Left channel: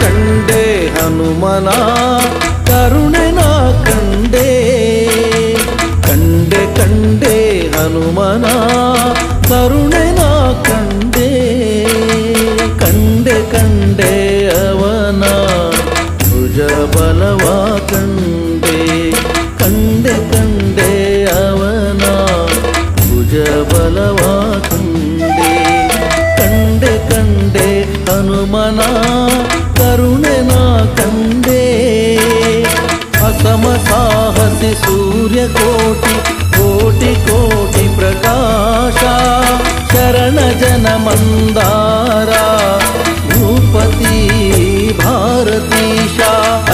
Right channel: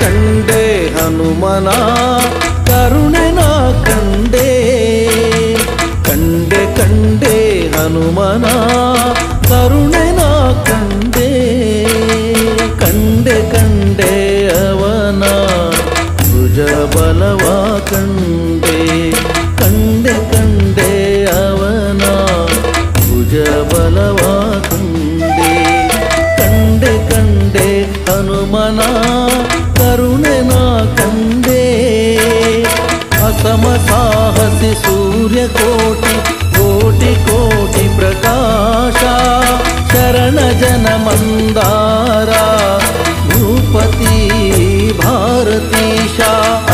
ಕಂಡೆ ಹನುಮನ ಕರುಣೆ ನಾ ಕಂಡೆ ಕಂಡೆ ಕಂಡೆ ಹನುಮನ ಕರುಣೆ ನಾ ಕಂಡೆ ಕಂಡೆ ಕಂಡೆ ಅವನ ಭುಜ ಬಲವ ಕಂಡೆ ಕಂಡೆ ಕಂಡೆ ಅವನ ಭುಜ ಬಲವ ಕಂಡೆ ಕಂಡೆ ಕಂಡೆ ಹನುಮನ ಕರುಣೆ ನಾ ಕಂಡೆ ಅಸಮ ಸಾಹಸಿ ಸೂರ್ಯ ಕೋಟಿ ಕೋಟಿ ಕೋಟಿ ಪ್ರಕಾಶ ಶರಣ ಜನ ಮಂದಾರ ಭೂಪತಿ ಭಾರತೀಶ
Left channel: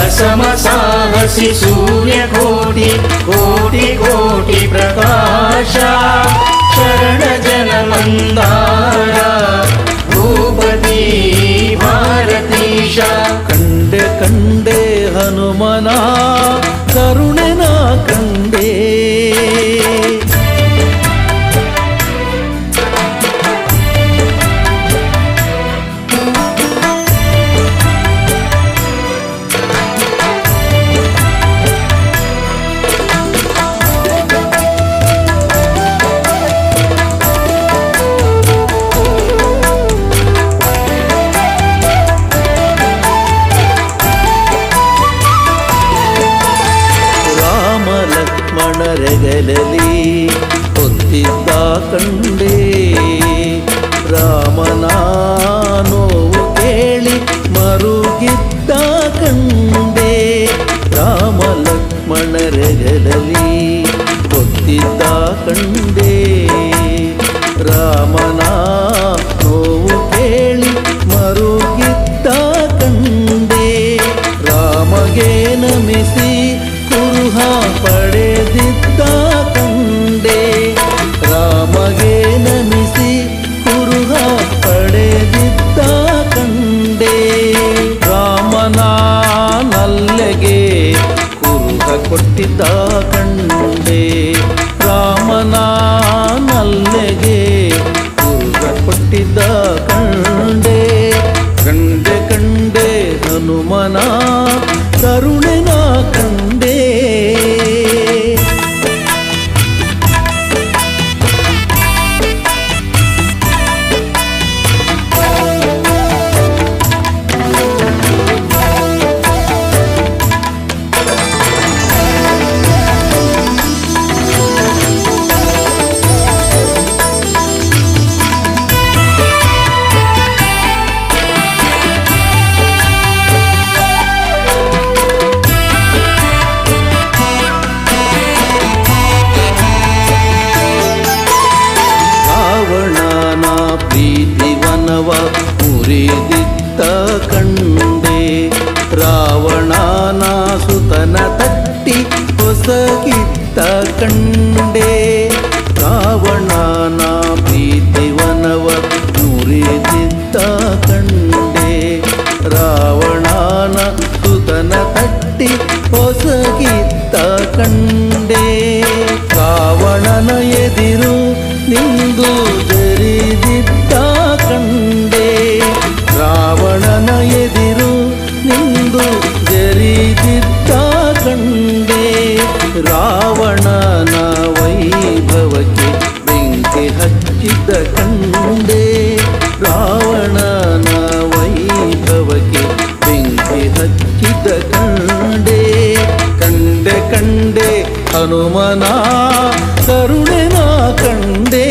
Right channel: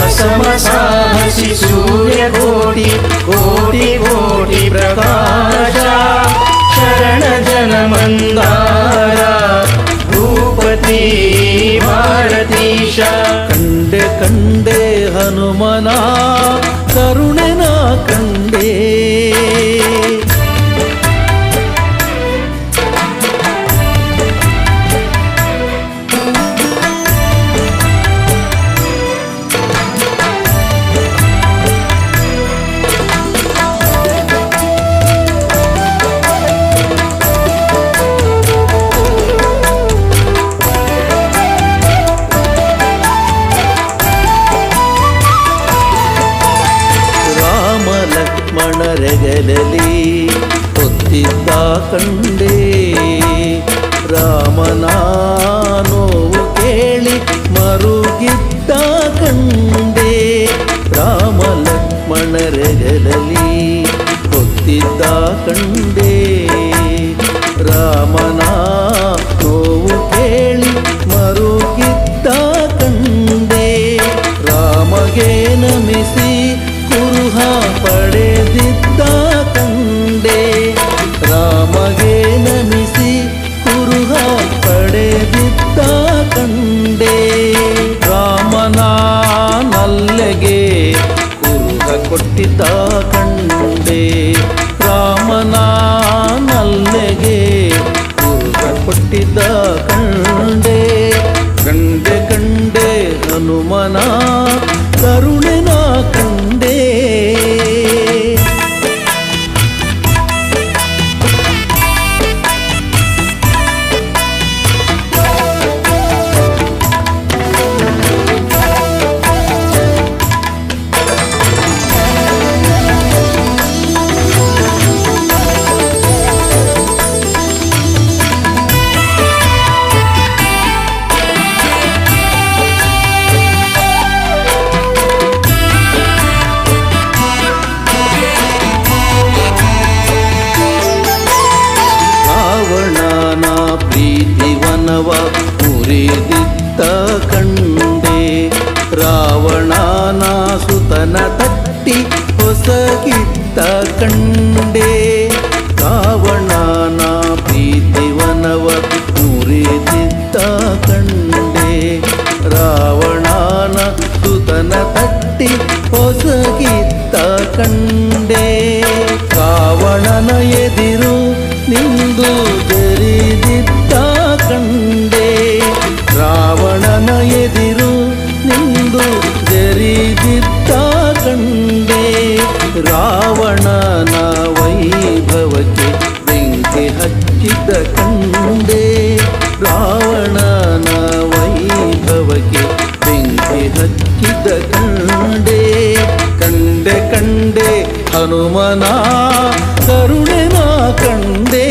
ಅಸಮ ಸಾಹಸಿ ಸೂರ್ಯ ಕೋಟಿ ಕೋಟಿ ಕೋಟಿ ಪ್ರಕಾಶ ಶರಣ ಜನ ಮಂದಾರ ಭೂಪತಿ ಭಾರತೀಶ ಕಂಡೆ ಕಂಡೆ ಹನುಮನ ಕರುಣೆ ನಾ ಕಂಡೆ ಲಕ್ಷ್ಮಣರೆಗಲಲಿ ಹೊತ್ತಿದ್ದ ಕಂಡೆ ರಾಮನ ನೋವು ಕೇಳಿ ಮರುಗಿದ್ದ ಕಂಡೆ ರಾಮ ಲಕ್ಷ್ಮಣರೆಗಲಲಿ ಹೊತ್ತಿದ್ದ ಕಂಡೆ ರಾಮನ ನೋವು ಕೇಳಿ ಮರುಗಿದ್ದ ಕಂಡೆ ರಾಮಗೆ ನಮಿಸಿ ಕುರುಹ ಪಡೆದಿದ್ದ ಕಂಡೆ ರಾಮಗೆ ನಮಿಸಿ ಕುರುಹ ಪಡೆದಿದ್ದ ಕಂಡೆ ರಾಮನ ನಲ್ಲೆಗೆ ಕುರುಹ ಕೊಟ್ಟಿದ್ದ ಕಂಡೆ ರಾಮನ ನಲ್ಲೆಗೆ ಕುರುಹ ಕೊಟ್ಟಿದ್ದ ಕಂಡೆ ಕಂಡೆ ಕಂಡೆ ಹನುಮನ ಕರುಣೆ ನಾ ಕಂಡೆ ರಾವಣನ ಪ್ರೀತಿವನವ ಮುರಿದಿದ್ದ ಕಂಡೆ ರಾವಣನ ಸುತನ ತಟ್ಟಿ ಹೊಸಗಿದ್ದ ಕಂಡೆ ರಾವಣನ ಪ್ರೀತಿವನವ ಮುರಿದಿದ್ದ ಕಂಡೆ ರಾವಣನ ಸುತನ ತಟ್ಟಿ ಹೊಸಗಿದ್ದ ಕಂಡೆ ರಾವಣನ ಎದಿರು ನಿಂದು ಜರಿದಿದ್ದ ಕಂಡೆ ರಾವಣನ ಎದಿರು ನಿಂದು ಜರಿದಿದ್ದ ಕಂಡೆ ರಾವಣನ ವೈಭವಕ್ಕೆ ಬೆಂಕಿ ಹಚ್ಚಿದ್ದ ಕಂಡೆ ರಾವಣನ ವೈಭವಕ್ಕೆ ಬೆಂಕಿ ಹಚ್ಚಿದ್ದ ಕಂಡೆ ಕಂಡೆ ಕಂಡೆ ಹನುಮನ ಕರುಣೆ ನಾ ಕಂಡೆ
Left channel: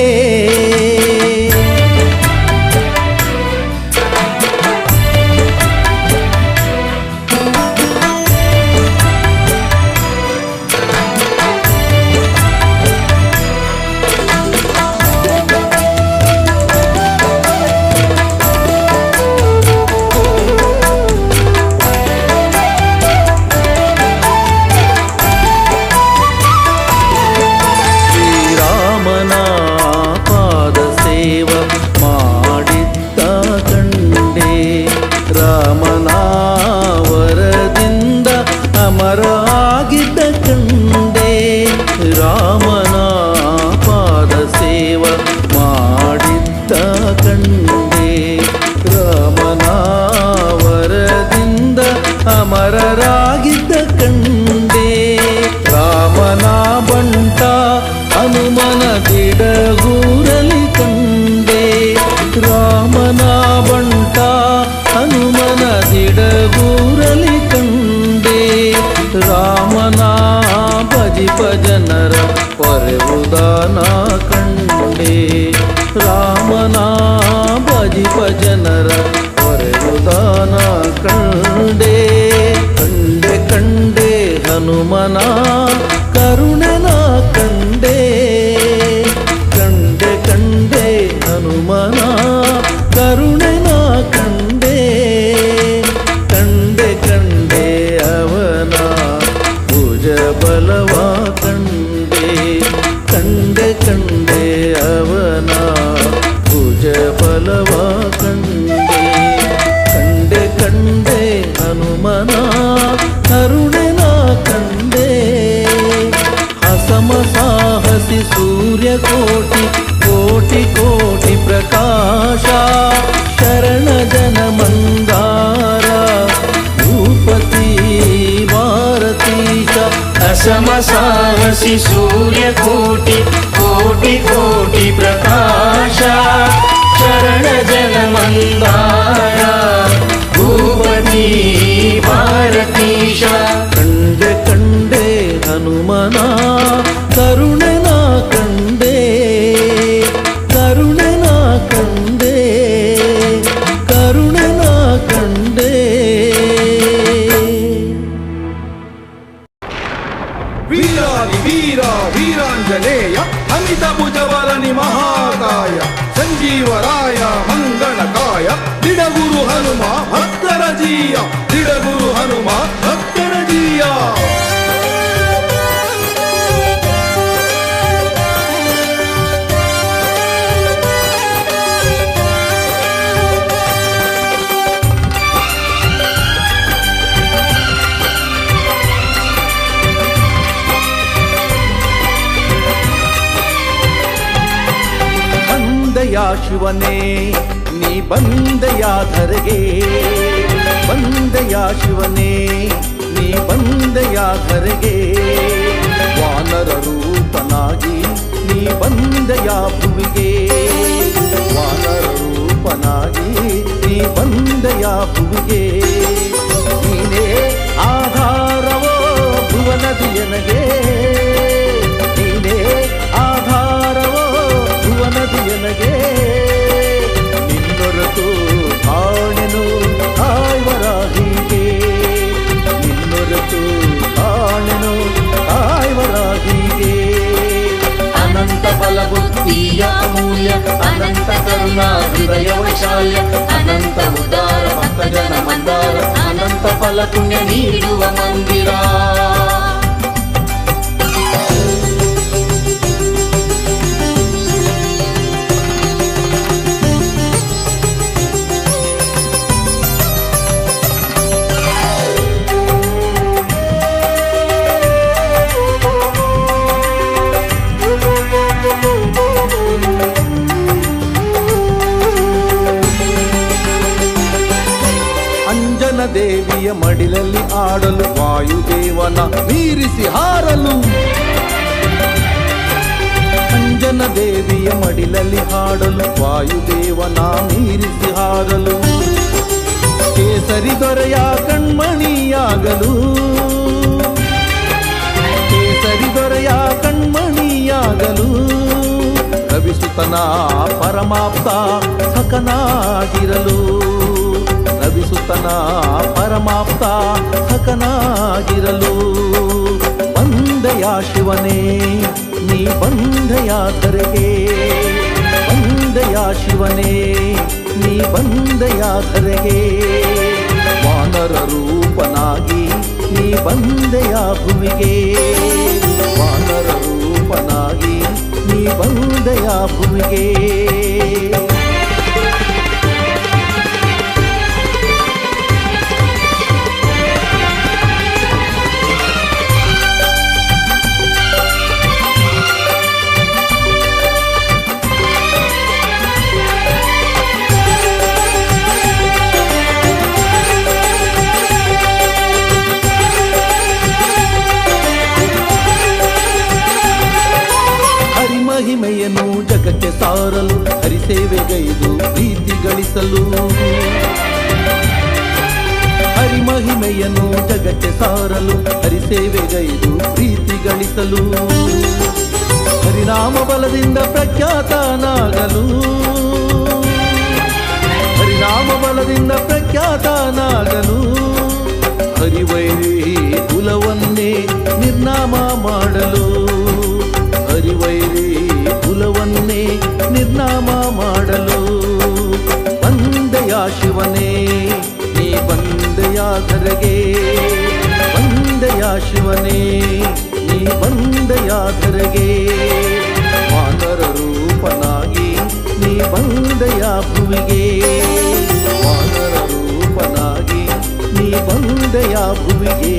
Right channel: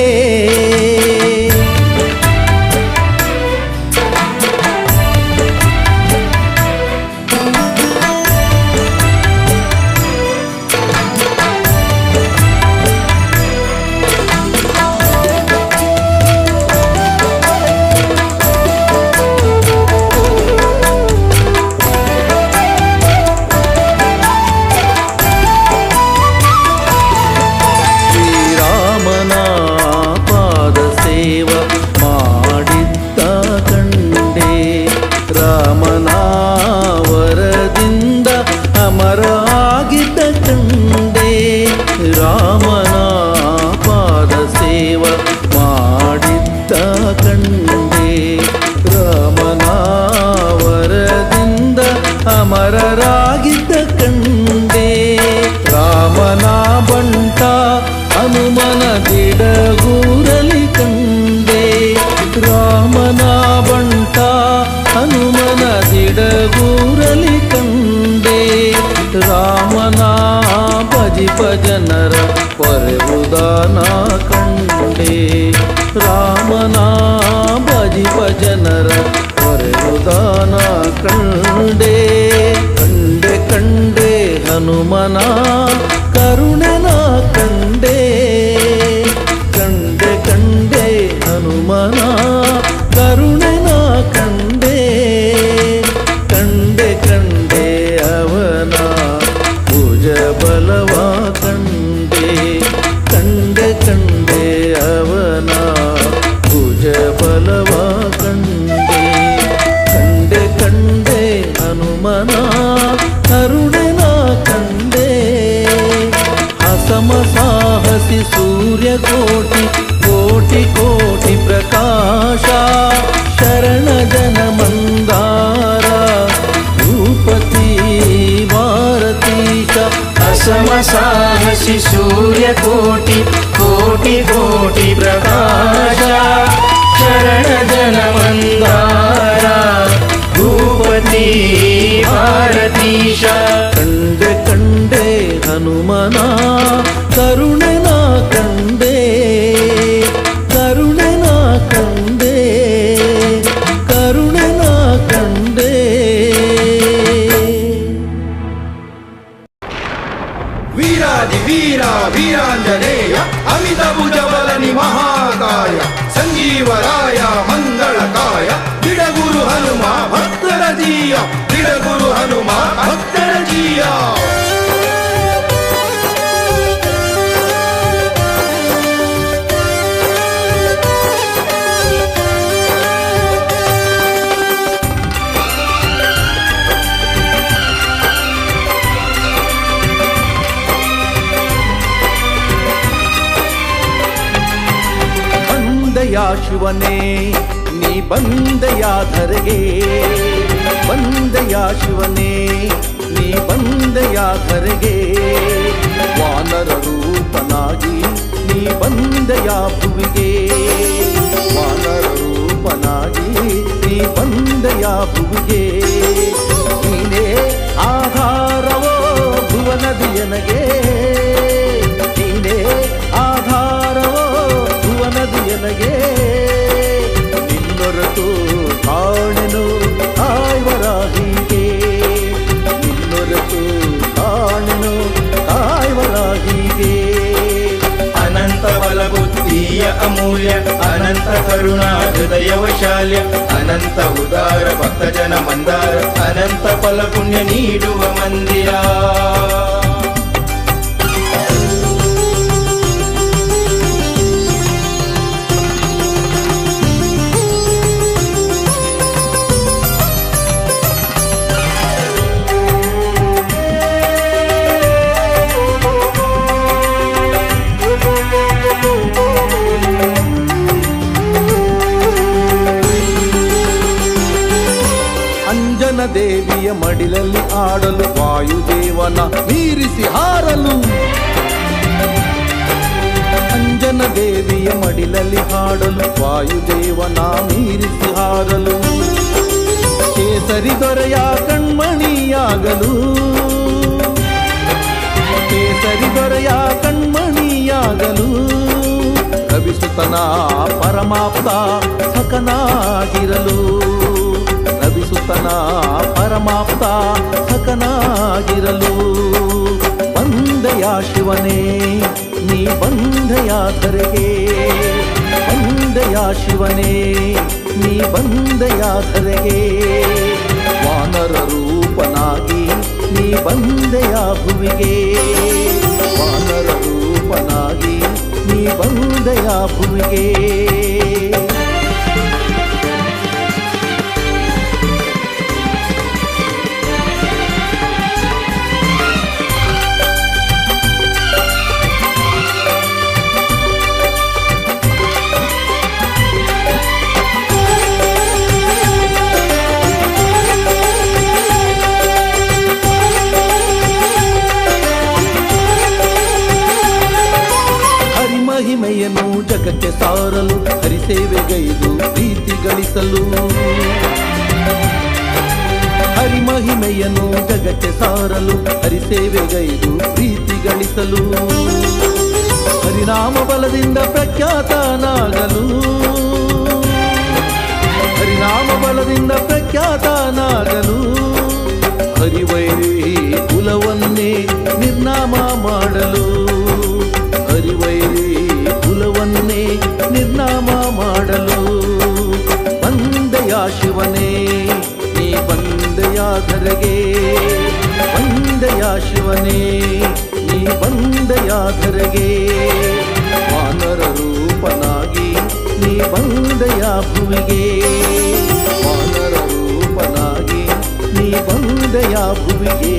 ಅಮರರಾಗಿದ್ದ ಕಂಡೆ ರಾಮನ ಬಂಟ ಹನುಮನ ದಿಡಗೂರಲಿ ಕಂಡೆ ರಾಮನ ಬಂಟ ಹನುಮನ ದಿಡಗೂರಲಿ ಕಂಡೆ ರಾಮನ ಭಜಿಪ ಜನರ ಪೊರೆವುದಾನ ಕಂಡೆ ರಾಮನ ಭಜಿಪ ಜನರ ಪೊರೆವುದಾನ ಕಂಡೆ ಕಂಡೆ ಕಂಡೆ ಹನುಮನ ಕರುಣೆನ ಕಂಡೆ ಕಂಡೆ ಕಂಡೆ ಹನುಮನ ಕರುಣೆನ ಕಂಡೆ ಕಂಡೆ ಕಂಡೆ ಅವನ ಭುಜ ಬಲವ ಕಂಡೆ ಕಂಡೆ ಕಂಡೆ ಅವನ ಭುಜ ಬಲವ ಕಂಡೆ ಕಂಡೆ ಕಂಡೆ ಹನುಮನ ಕರುಣೆನ ಕಂಡೆ ಹಸಮ ಸಾಹಸಿ ಸೂರ್ಯ ಕೋಟಿ ಕೋಟಿ ಕೋಟಿ ಪ್ರಕಾಶ ಶರಣ ಜನ ಮಂದಾರ ಭೂಪತಿ ಭಾರತೀಶ ಹಸಮ ಸಾಹಸಿ ಸೂರ್ಯ ಕೋಟಿ ಕೋಟಿ ಕೋಟಿ ಪ್ರಕಾಶ ಶರಣ ಜನ ಮಂದಾರ ಭೂಪತಿ ಭಾರತೀಶ ಕಂಡೆ ಕಂಡೆ ಹನುಮನ ಕರುಣೆನ ಕಂಡೆ ಕರುಣೆನ ಕಂಡೆ ಕರುಣೆನ ಕಂಡೆ ವೀರಾದಿ ವೀರ ವೀರಾಂಜನೇಯ ಅಮಿತ ಭುಜಬಲನಿ ಮಹಾಕಾಯ ಸಂಜೀವರಾಯ ಮಂಗಳಕಾಯ ದಿಡಗುರು ಹನುಮ ಭಕ್ತರ ಜೀಯ ದಿಡಗುರು ಹನುಮ ಭಕ್ತರ ಜೀಯ ಬಂದೆಯ ಶಿವನೇ ನೀ ಬಂದೆಯ ಧರೆಗೆ ಬಂದೆಯ ಶಿವನೇ ನೀ ಬಂದೆಯ ಧರೆಗೆ ವಾನರ ರೂಪನಾಗಿ ನೀ ಬಂದೆಯ ಭುವಿಗೆ ವಾನರ ರೂಪನಾಗಿ ನೀ ಬಂದೆಯ ಭುವಿಗೆ ನೀನೇ ಆಧಾರವೋ ಭುವನದಿಯನಗೆ ನೀನೇ ಆಧಾರವೋ ಭುವನದಿಯನಗೆ ನಿನ್ನೊರತು ಕಾಣೆನು ಕಾಯ್ವರಾಹಿಗೆ ನಿನ್ನೊರತು ಕಾಣೆನು ಕಾಯ್ವರಾಹಿಗೆ ಅನಂತ ಫಲಬುದ್ಧಿಯ ಅಮೂಲ್ಯ ಅನಂತ ಕರುಣಾ ಹೃದಯ ವೈಶಾಲ್ಯ ಅನಂತ ಉದಾರ ಭಕ್ತ ಜನ ಮಂದಾರ ಅನಂತ ಫಲ ಪುಣ್ಯ ನೀಡುವ ಮಂದಿರ ಅಂಜನ ದೇವಿಯ ಮಡಿಲಲ್ಲಿ ಆಡಲು ವಾಯುದೇವನ ಮೀರಿಸಿ ಹಾರಲು ಅಂಜನ ದೇವಿಯ ಮಡಿಲಲ್ಲಿ ಹಾಡಲು ವಾಯುದೇವನ ಮೀರಿಸಿ ಹಾರಲು ಕೇಸರಿ ದೊರೆಯ ಕಣ್ಮಣಿಯಾಗಲು ಕೇಸರಿ ದೊರೆಯ ಕಣ್ಮಣಿಯಾಗಲು ರವಿಸುತನ ಪರಮಾಪ್ತ ಸಖನಾಗಿರಲು ರವಿಸುತನ ಪರಮಾಪ್ತ ಸಖನಾಗಿರಲು ಬಂದೆಯ ಶಿವನೇ ನೀ ಬಂದೆಯ ಧರೆಗೆ ಬಂದೆಯ ಶಿವನೇ ನೀ ಬಂದೆಯ ಧರೆಗೆ ವಾನರ ರೂಪನಾಗಿ ನೀ ಬಂದೆಯ ಭುವಿಗೆ ವಾನರ ರೂಪನಾಗಿ ನೀ ಬಂದೆಯ ಭುವಿಗೆ ಜಗಕ್ಕೆ ಸಾರಲು ಹರಿಸೇವೆಗೈದು ಪ್ರೀತಿ ಗಳಿಸಲು ಹರಿಮಹಿಮೆಯನ್ನು ಜಗಕ್ಕೆ ಸಾರಲು ಹರಿಸೇವೆಗೈದು ಪ್ರೀತಿ ಗಳಿಸಲು ಹರಿನಾಮ ಬಲದಿಂದ ಪ್ರಖ್ಯಾತನಾಗಲು ಹರಿನಾಮ ಬಲದಿಂದ ಪ್ರಖ್ಯಾತನಾಗಲು ಹರಿವೈರಿ ಕುಲವನ್ನೇ ನಿರ್ನಾಮ ಮಾಡಲು ಹರಿವೈರಿ ಕುಲವನ್ನೇ ನಿರ್ನಾಮ ಮಾಡಲು ಬಂದೆಯ ಶಿವನೇ ನೀ ಬಂದೆಯ ಧರೆಗೆ ಬಂದೆಯ ಶಿವನೇ ನೀ ಬಂದೆಯ ಧರೆಗೆ ವಾನರ ರೂಪನಾಗಿ ನೀ ಬಂದೆಯ ಭುವಿಗೆ ವಾನರ ರೂಪನಾಗಿ ನೀ ಬಂದೆಯ ಭುವಿಗೆ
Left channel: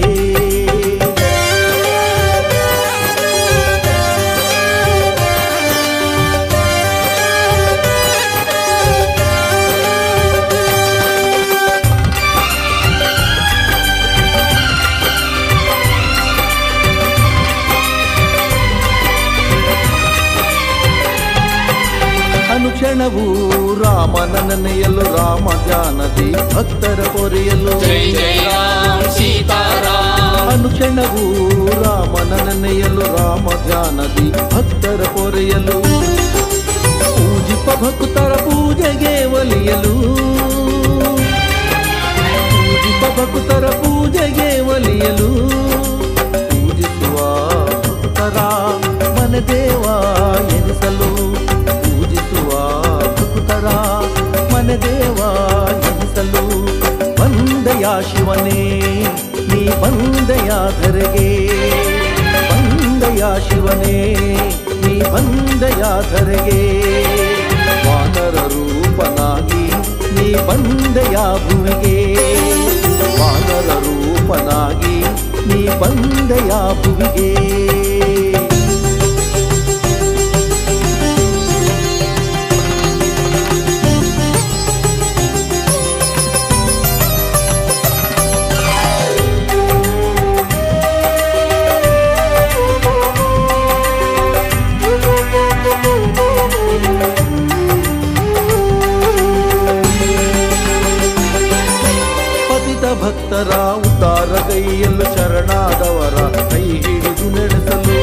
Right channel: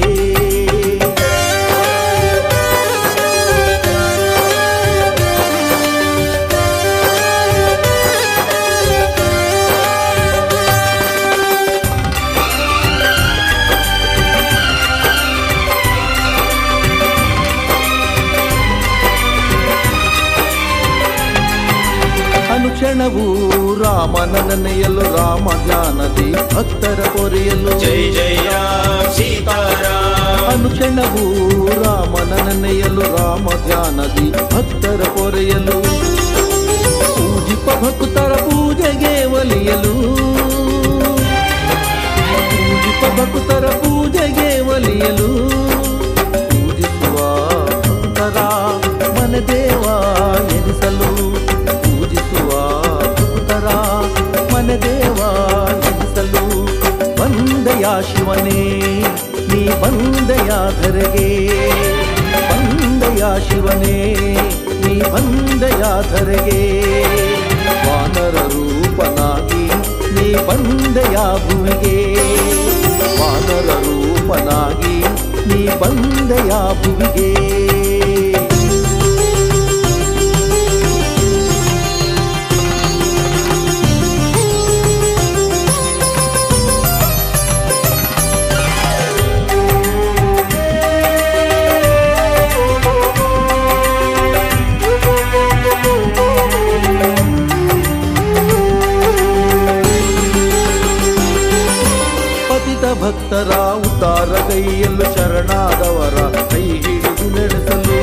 ಅನುಕ್ಷಣವೂ ರಾಮನ ನೆನೆಯಲು ರಾಮ ಧ್ಯಾನದಿ ಭಕ್ತರ ಪೊರೆಯಲು ಅನುಕ್ಷಣವೂ ರಾಮನ ನೆನೆಯಲು ರಾಮ ಧ್ಯಾನದಿ ಭಕ್ತರ ಪೊರೆಯಲು ಪೂಜಿಪ ಭಕ್ತರ ಪೂಜೆಗೆ ಒಲಿಯಲು ಪೂಜಿಪ ಭಕ್ತರ ಪೂಜೆಗೆ ಒಲಿಯಲು ಪೂಜಿಸುವ ಭಕ್ತರ ಮನದೇವ ಎನಿಸಲು ಪೂಜಿಸುವ ಭಕ್ತರ ಮನದೇವ ಎನಿಸಲು ಬಂದೆಯ ಶಿವನೇ ನೀ ಬಂದೆಯ ಧರೆಗೆ ಬಂದೆಯ ಶಿವನೇ ನೀ ಬಂದೆಯ ಧರೆಗೆ ವಾನರ ರೂಪನಾಗಿ ನೀ ಬಂದೆಯ ಭುವಿಗೆ ವಾನರ ರೂಪನಾಗಿ ನೀ ಬಂದೆಯ ಭುವಿಗೆ ಭಕ್ತರ ಉದ್ಧಾರಗೈಯಲು ಶರಣಾದವರ ಕೈ ಹಿಡಿದು ನಡೆಸಲು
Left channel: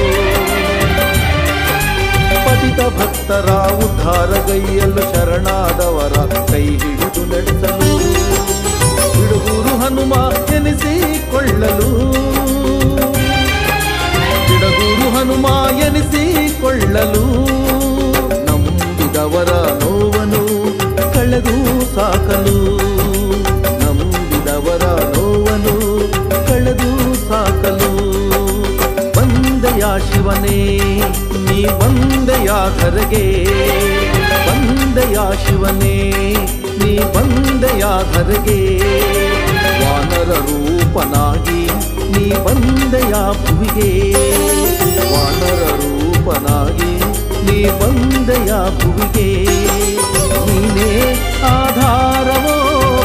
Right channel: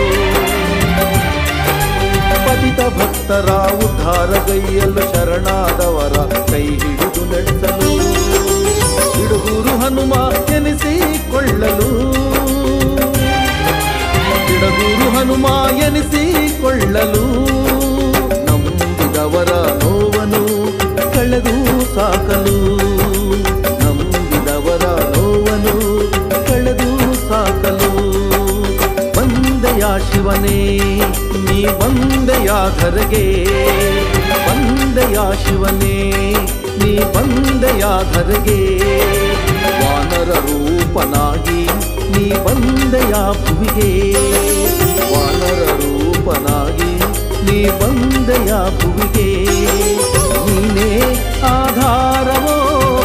ಪತಿತ ಭಕ್ತರ ಉದ್ಧಾರಗೈಯಲು ಶರಣಾದವರ ಕೈ ಹಿಡಿದು ನಡೆಸಲು ಬಿಡುಗೂರು ಹನುಮ ಎನಿಸಿಕೊಳ್ಳಲು ಬಿಡುಗೂರು ಹನುಮ ಎನಿಸಿಕೊಳ್ಳಲು ನಂಬಿದವರ ನೋವನ್ನು ಕಳೆದು ಸಾಕಲು ಅವರ ನೋವನ್ನು ಕಳೆದು ಸಾಕಲು ಬಂದೆಯ ಶಿವನೇ ನೀ ಬಂದೆಯ ಧರೆಗೆ ಬಂದೆಯ ಶಿವನೇ ನೀ ಬಂದೆಯ ಧರೆಗೆ ವಾನರ ರೂಪನಾಗಿ ನೀ ಬಂದೆಯ ಭುವಿಗೆ ವಾನರ ರೂಪನಾಗಿ ನೀ ಬಂದೆಯ ಭುವಿಗೆ ನೀನೇ ಆಧಾರವೋ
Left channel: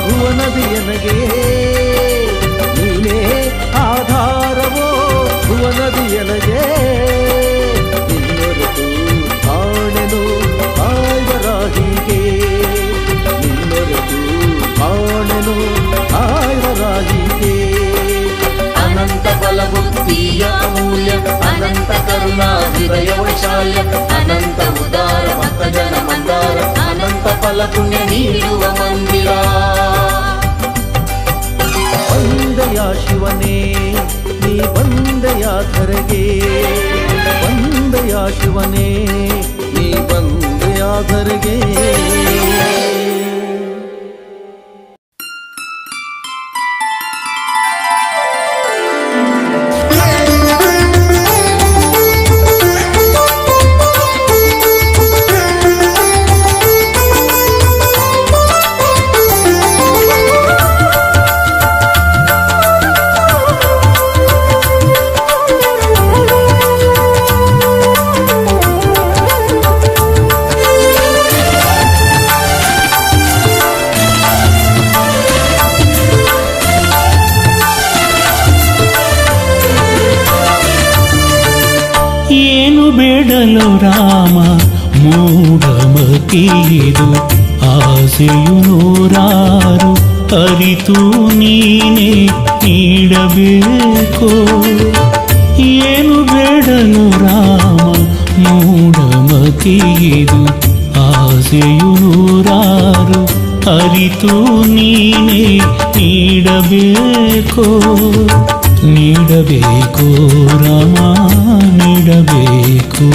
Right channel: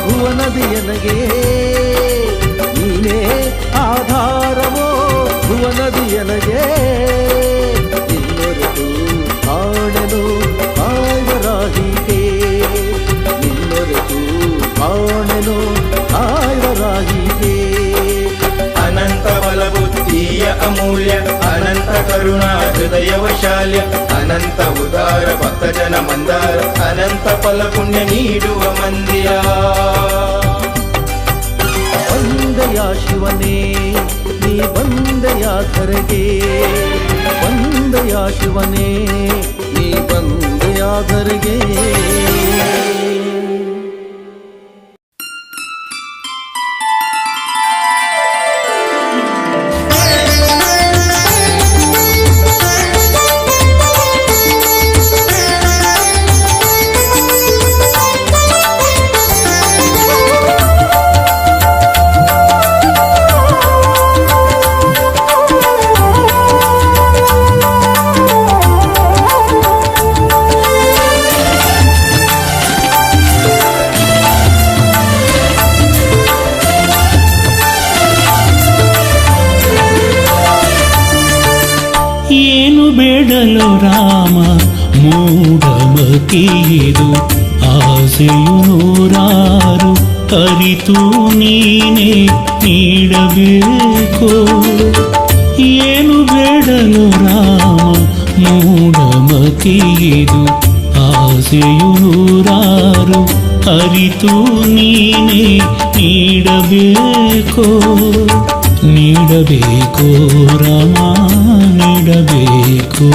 ಭುವನದಿಯನಗೆ ನೀನೇ ಆಧಾರವೋ ಭುವನದಿಯನಗೆ ನಿನ್ನೊರೆತು ಕಾಣೆನು ಕಾಯ್ವರಾಹಿಗೆ ನಿನ್ನೊರೆತು ಕಾಣೆನು ಕಾಯ್ವರಾಹಿಗೆ ಅನಂತ ಬಲಬುದ್ಧಿಯ ಅಮೂಲ್ಯ ಅನಂತ ಕರುಣಾ ಹೃದಯ ವೈಶಾಲ್ಯ ಅನಂತ ಉದಾರ ಭಕ್ತಜನ ಮಂದಾರ ಅನಂತ ಫಲ ಪುಣ್ಯ ನೀಡುವ ಮಂದಿರ ಬಂದೆಯ ಶಿವನೇ ನೀ ಬಂದೆಯ ಧರೆಗೆ ಬಂದೆಯ ಶಿವನೇ ನೀ ಬಂದೆಯ ಧರೆಗೆ ಏನು ಬೇಡಲು ರಾಮ ಮೂಢಮತಿಯಿದು ಆಸೆಯು ನೂರಾರು ಅರಿತು ನೀನೇ ನೀಡಬೇಕೋ ಏನು ಬೇಡಲು ರಾಮ ಮೂಢಮತಿಯಿದು ಆಸೆಯು ನೂರಾರು ಅರಿತು ನೀನೇ ನೀಡಬೇಕೋ ನೀಡಬೇಕೋ ರಾಮ ನೀಡಬೇಕೋ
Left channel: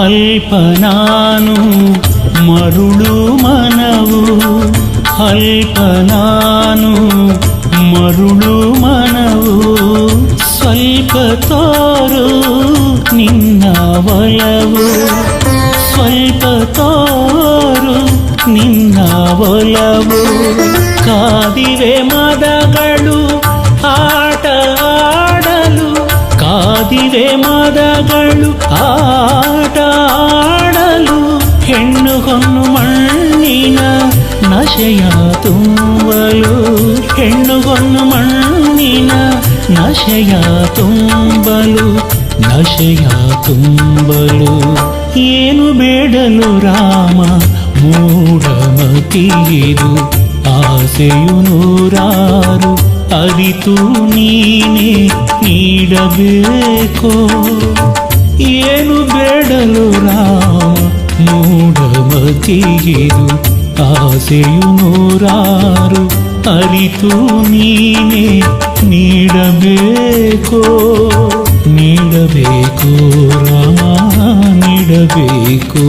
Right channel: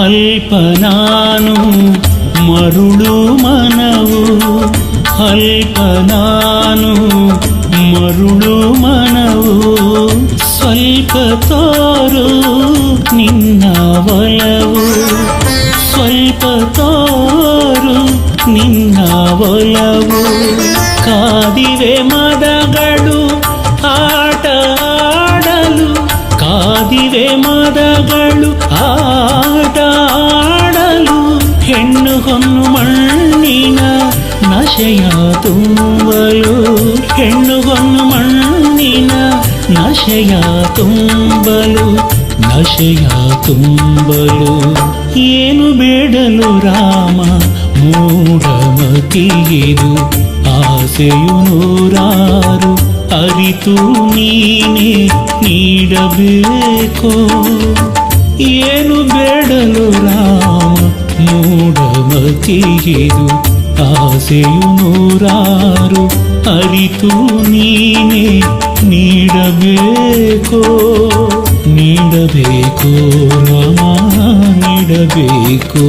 ಅಲ್ಪ ನಾನು ಮರುಳು ಮನವು ಅಲ್ಪ ನಾನು ಮರುಳು ಮನವು ಸ್ವಲ್ಪ ತೋರು ನಿನ್ನ ಒಲವು ಸ್ವಲ್ಪ ತೋರು ನಿನ್ನ ಒಲವು ಕಾದಿವೆ ಮದಗಳು ಆಟ ಆಡಲು ಕಾದಿವೆ ಮದಗಳು ಆಟ ಆಡಲು ಹೆಣ್ಣು ಹೊನ್ನು ಮಣ್ಣಿನ ನಶೆಯ ತುಂಬಲು ಹೆಣ್ಣು ಹೊನ್ನು ಮಣ್ಣಿನ ನಶೆಯ ತುಂಬಲು ನಶೆಯ ತುಂಬಲು ಏನು ಬೇಡಲು ರಾಮ ಮೂಢಮತಿಯಿದು ಆಸೆಯು ನೂರಾರು ಅರಿತು ನೀನೇ ನೀಡಬೇಕೋ ಏನು ಬೇಡಲು ರಾಮ ಮೂಢಮತಿಯಿದು ಆಸೆಯು ನೂರಾರು ಅರಿತು ನೀನೇ ನೀಡಬೇಕೋ ನೀಡಬೇಕೋ ರಾಮ ನೀಡಬೇಕೋ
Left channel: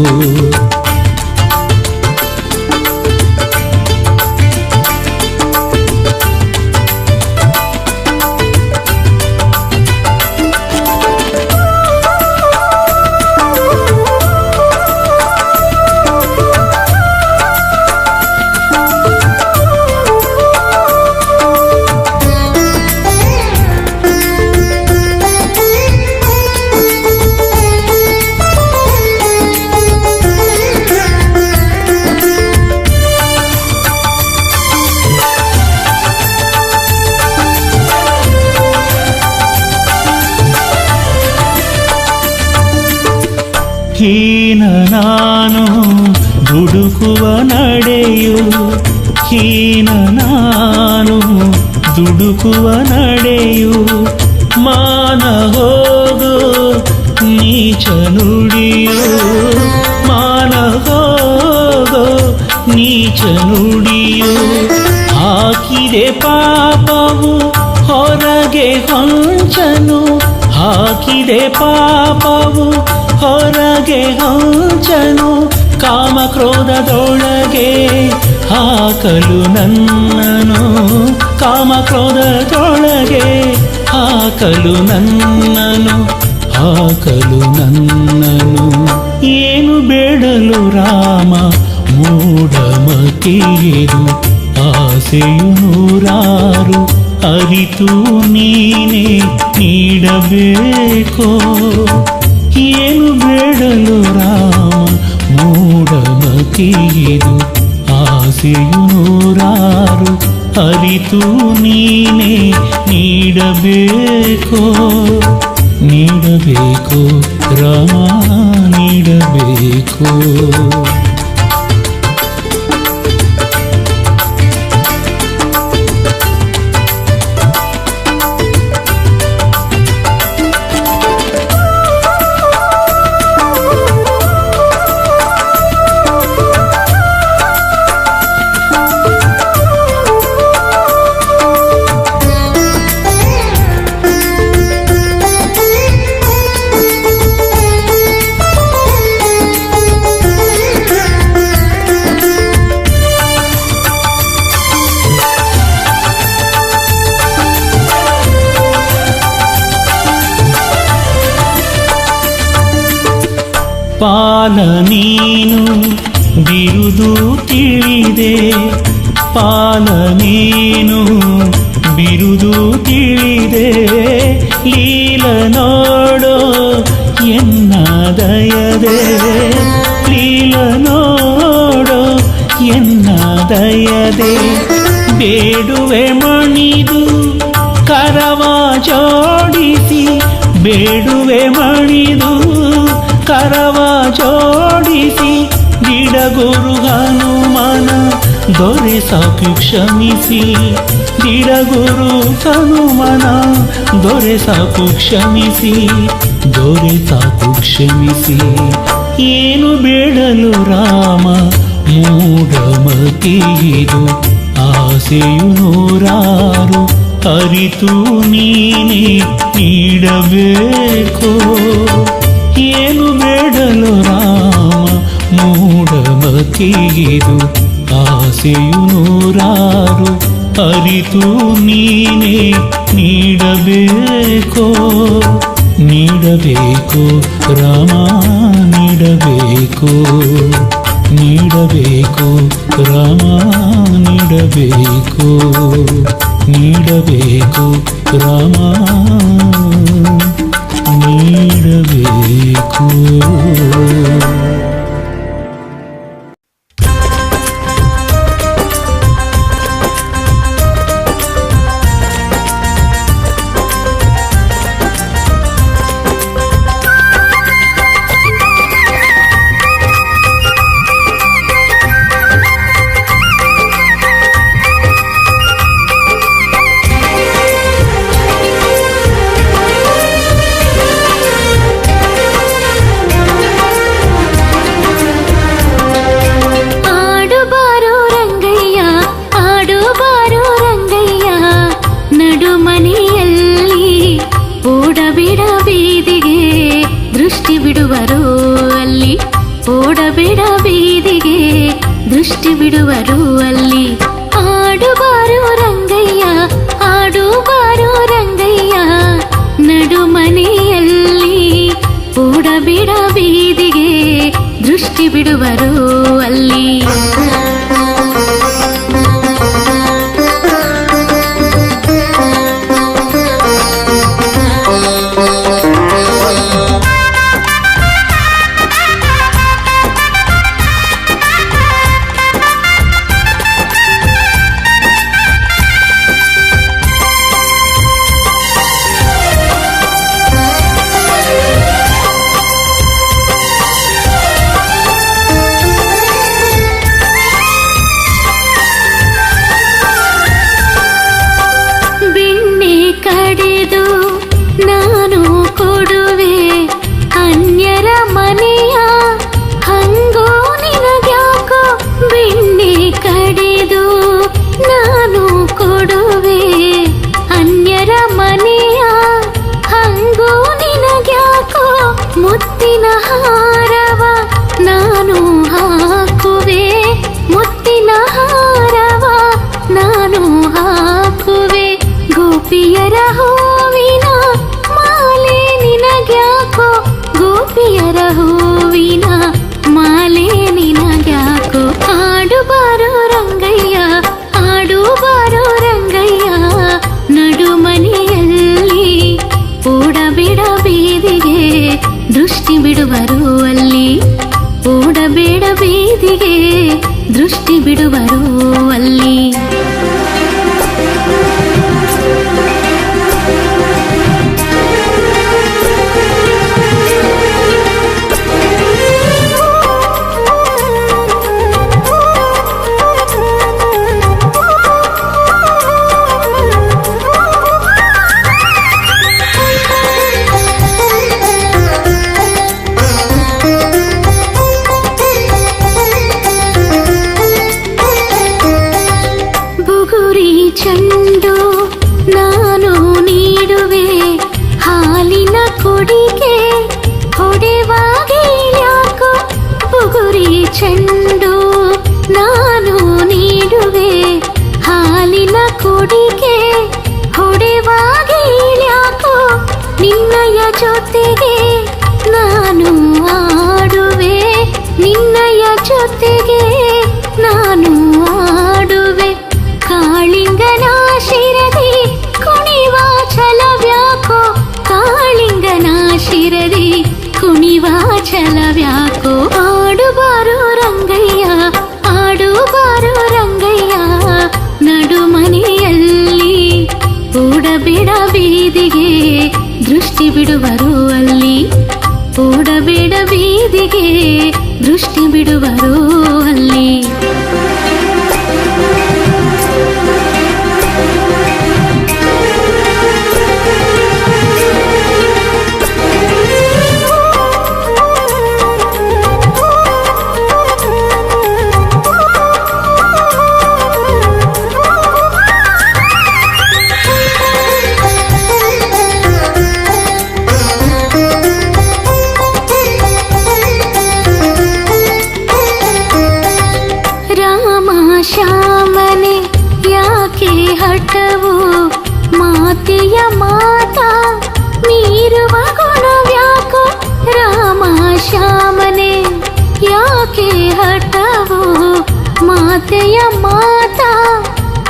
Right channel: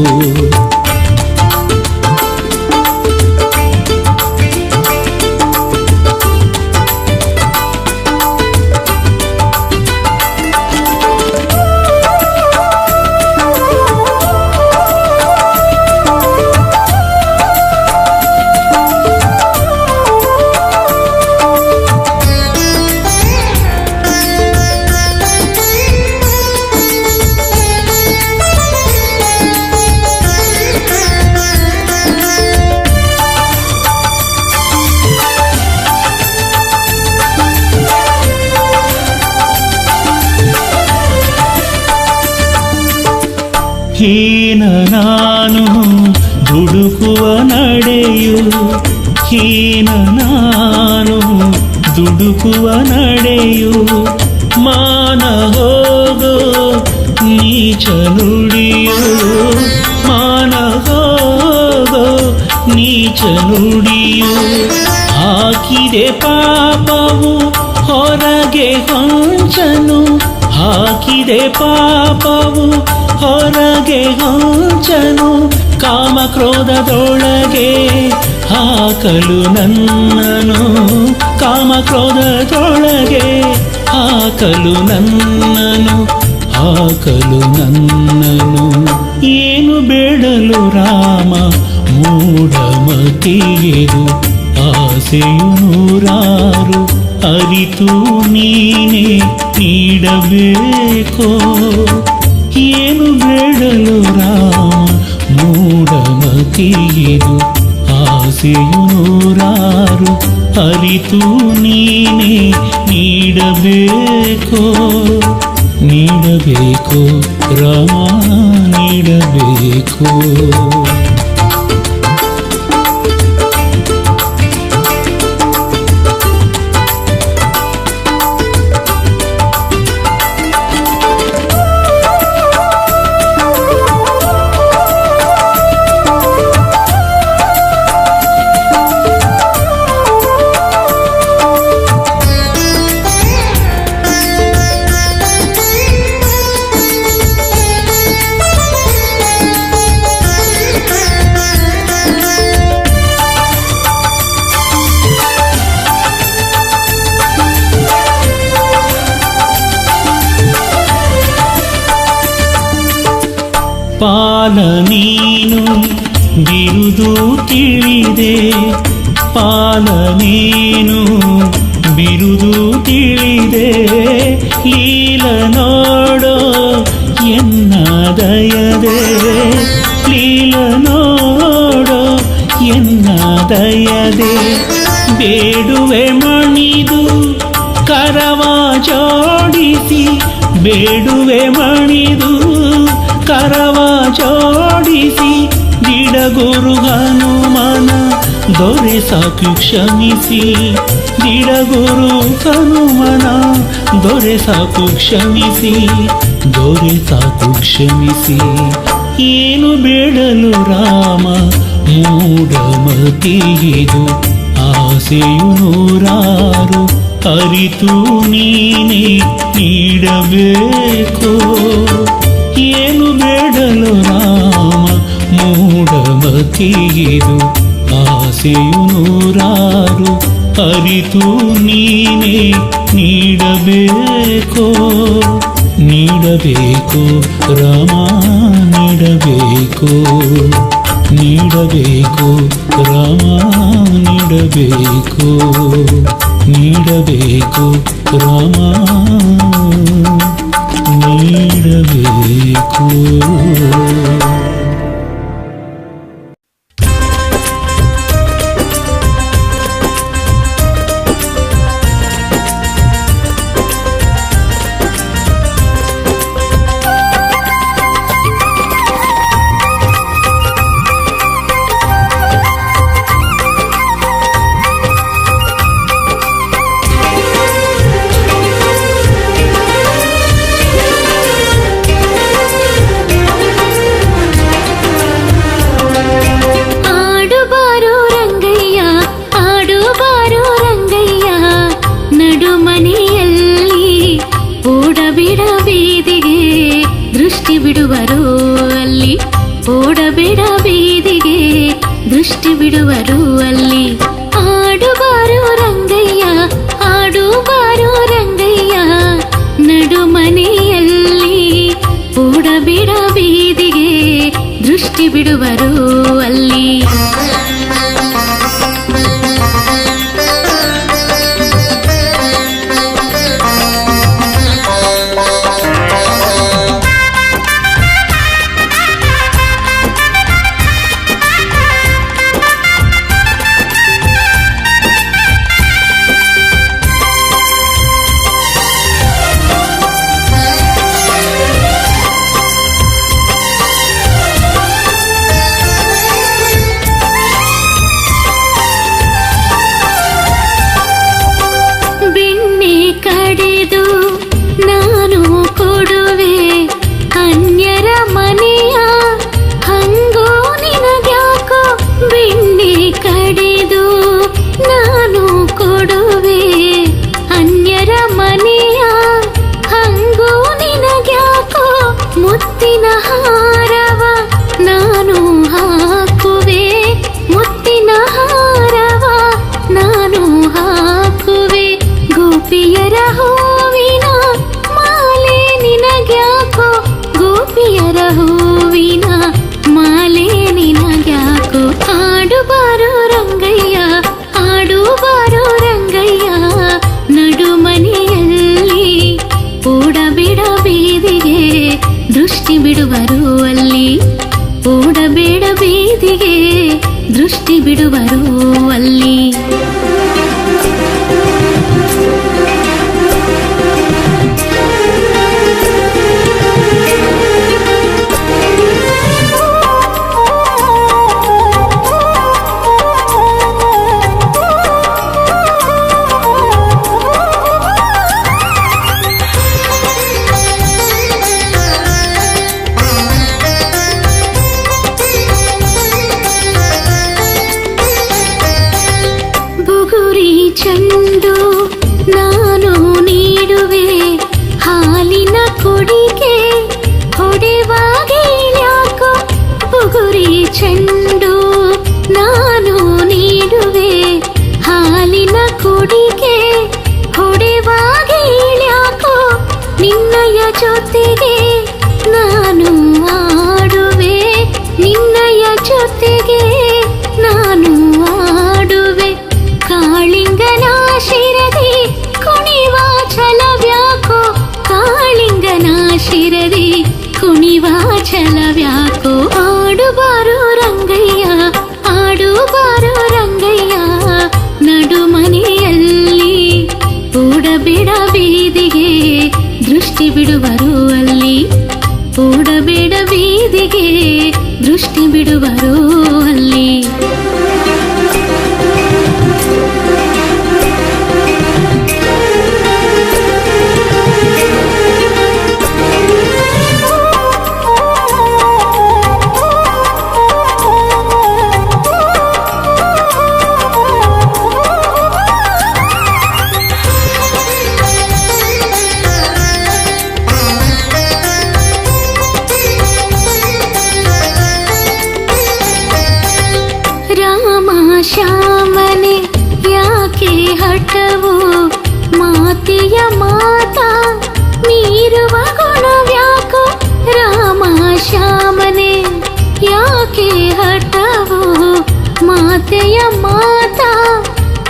ಹೀನ ನಾನು ದುಡುಕುವ ನಡೆಯು ಹೀನ ನಾನು ದುಡುಕುವ ನಡೆಯು ಮಾನ ಹೋಗೋ ನೀಚ ನುಡಿಯು ಮಾನ ಹೋಗೋ ನೀಚ ನುಡಿಯು ಹಾಕಿದೆ ಪಾಪವು ಹೊರಗೆ ಹೊಂಚನು ಹಾಕಿದೆ ಪಾಪವು ಹೊರಗೆ ಹೊಂಚನು ಕಾಮಕ್ರೋಧದೊಳಗೆ ಹಾಕಲು ನನ್ನನು ಕಾಮಕ್ರೋಧದೊಳಗೆ ಹಾಕಲು ನನ್ನನು ಹಾಕಲು ನನ್ನನು ಏನು ಬೇಡಲು ರಾಮ ಮೂಢಮತಿಯಿದು ಆಸೆಯು ನೂರಾರು ಅರಿತು ನೀನೇ ನೀಡಬೇಕೋ ಏನು ಬೇಡಲು ರಾಮ ಮೂಢಮತಿಯಿದು ಆಸೆಯು ನೂರಾರು ಅರಿತು ನೀನೇ ನೀಡಬೇಕೋ ನೀಡಬೇಕೋ ರಾಮ ನೀಡಬೇಕೋ ಪಾಲ ನೀನು ಬಿರುದು ತಿಳಿದೆ, ಪಾಲ ನೀನು ಬಿರುದು ತಿಳಿದೆ, ಲೀಲ ನೋಡೋ ಎನ್ನ ದಯದೆ, ಲೀಲ ನೋಡೋ ಎನ್ನ ದಯದೆ. ಬೇಡುವೆ ಮಣಿದು ಕರವ ಜೋಡಿಸಿ, ಬೇಡುವೆ ಮಣಿದು ಕರವ ಜೋಡಿಸಿ, ದಿಡಗುರು ಹನುಮನ ದೊರೆ ಸಾಕು ಕ್ಷಮಿಸಿ, ದಿಡಗುರು ಹನುಮನ ದೊರೆ ಸಾಕು ಕ್ಷಮಿಸಿ, ದೊರೆ ಸಾಕು ಕ್ಷಮಿಸಿ. ಏನು ಬೇಡಲು ರಾಮ ಮೂಢಮತಿಯಿದು, ಆಸೆಯು ನೂರಾರು ಅರಿತು ನೀನೇ ನೀಡಬೇಕೋ. ಏನು ಬೇಡಲು ರಾಮ ಮೂಢಮತಿಯಿದು, ಆಸೆಯು ನೂರಾರು ಅರಿತು ನೀನೇ ನೀಡಬೇಕೋ. ನೀಡಬೇಕೋ ರಾಮ ನೀಡಬೇಕೋ, ನೀಡಬೇಕೋ ರಾಮ ನೀಡಬೇಕೋ, ನೀಡಬೇಕೋ ರಾಮ ನೀಡಬೇಕೋ. ದೃಷ್ಟಿ ಬಿಡುವರು ಅಲ್ಲಿ, ಓಡಬೇಡ ಬೀದಿಗೆ ದೃಷ್ಟಿ ಬಿಡುವರು ಅಲ್ಲಿ. ಆಡುಬಾರು ರಂಗಯ್ಯ, ಆಡುಬಾರು ರಂಗಯ್ಯ, ನಡು ಮನೆಯಲ್ಲಿ ಓಡಬೇಡ ಬೀದಿಗೆ ದೃಷ್ಟಿ ಬಿಡುವರು ಅಲ್ಲಿ. ಕಡೆದು ನಾನು ಕೊಡುವೆ ಅನ್ಯರ ಮನೆಯ ಹಂಗೋ ನಿನಗ್ಯಾಕೋ. ಬೆಣ್ಣೆ ಕಡೆದು ನಾನು ಕೊಡುವೆ ಅನ್ಯರ ಮನೆಯ ಹಂಗೋ ನಿನಗ್ಯಾಕೋ. ಮುತ್ತಿನ ಹಾರವ ನಾನು ಹಾಕುವೆ, ಮುತ್ತಿನ ಹಾರವ ನಾನು ಹಾಕುವೆ. ಗೋಪಿಯರ ಹೂವಿನ ಮಾಲೆ ನಿನಗ್ಯಾಕೋ, ಗೋಪಿಯರ ಹೂವಿನ ಮಾಲೆ ನಿನಗ್ಯಾಕೋ. ಆಡುಬಾರೋ ರಂಗಯ್ಯ, ಆಡುಬಾರೋ ರಂಗಯ್ಯ, ನಡು ಮನೆಯಲ್ಲಿ ಓಡಬೇಡ ಬೀದಿಗೆ ದೃಷ್ಟಿ ಬಿಡುವರು ಅಲ್ಲಿ, ಓಡಬೇಡ ಬೀದಿಗೆ ದೃಷ್ಟಿ ಬಿಡುವರು ಅಲ್ಲಿ. ಚೆಂಡು ನಾನು ನೀಡುವೆ ಹಾಲಿನ ಕೊಡಿಗೆ ಹೊಡೆವಾಗೇಳ್ಯಾಕೋ. ಬುಗುರಿ ಚೆಂಡು ನಾನು ನೀಡುವೆ ಹಾಲಿನ ಕೊಡಿಗೆ ಹೊಡೆವಾಗೇಳ್ಯಾಕೋ. ನಿನ್ನಯ ಜೊತೆಗೆ ನಾನು ಆಡು ಹಾಡುವೆ ನಿನ್ನಯ ಜೊತೆಗೆ ನಾನು ಆಡುವೆ ಕಾಳಿಂಗನ ಶಿರದಿ ಕುಣಿವ ಛಲವ್ಯಾಕೋ ಕಾಳಿಂಗನ ಶಿರದಿ ಕುಣಿವ ಛಲವ್ಯಾಕೋ ಆಡುಬಾರೋ ರಂಗಯ್ಯ ಆಡುಬಾರೋ ರಂಗಯ್ಯ ನಡುಮನೆಯಲ್ಲಿ ಓಡಬೇಡ ಬೀದಿಗೆ ದೃಷ್ಟಿ ಬಿಡುವರು ಅಲ್ಲಿ ಓಡಬೇಡ ಬೀದಿಗೆ ದೃಷ್ಟಿ ಬಿಡುವರು ಅಲ್ಲಿ ಶ್ಯಾಮನೆ ಯಾಕೆ ಹಠವು ಮಾತೆಯ ಮಾತಾ ಮೀರುವ ಗುಣವ್ಯಾಕೋ ರಾಮ ಶ್ಯಾಮನೆ ಯಾಕೆ ಹಠವು ಮಾತೆಯ ಮಾತಾ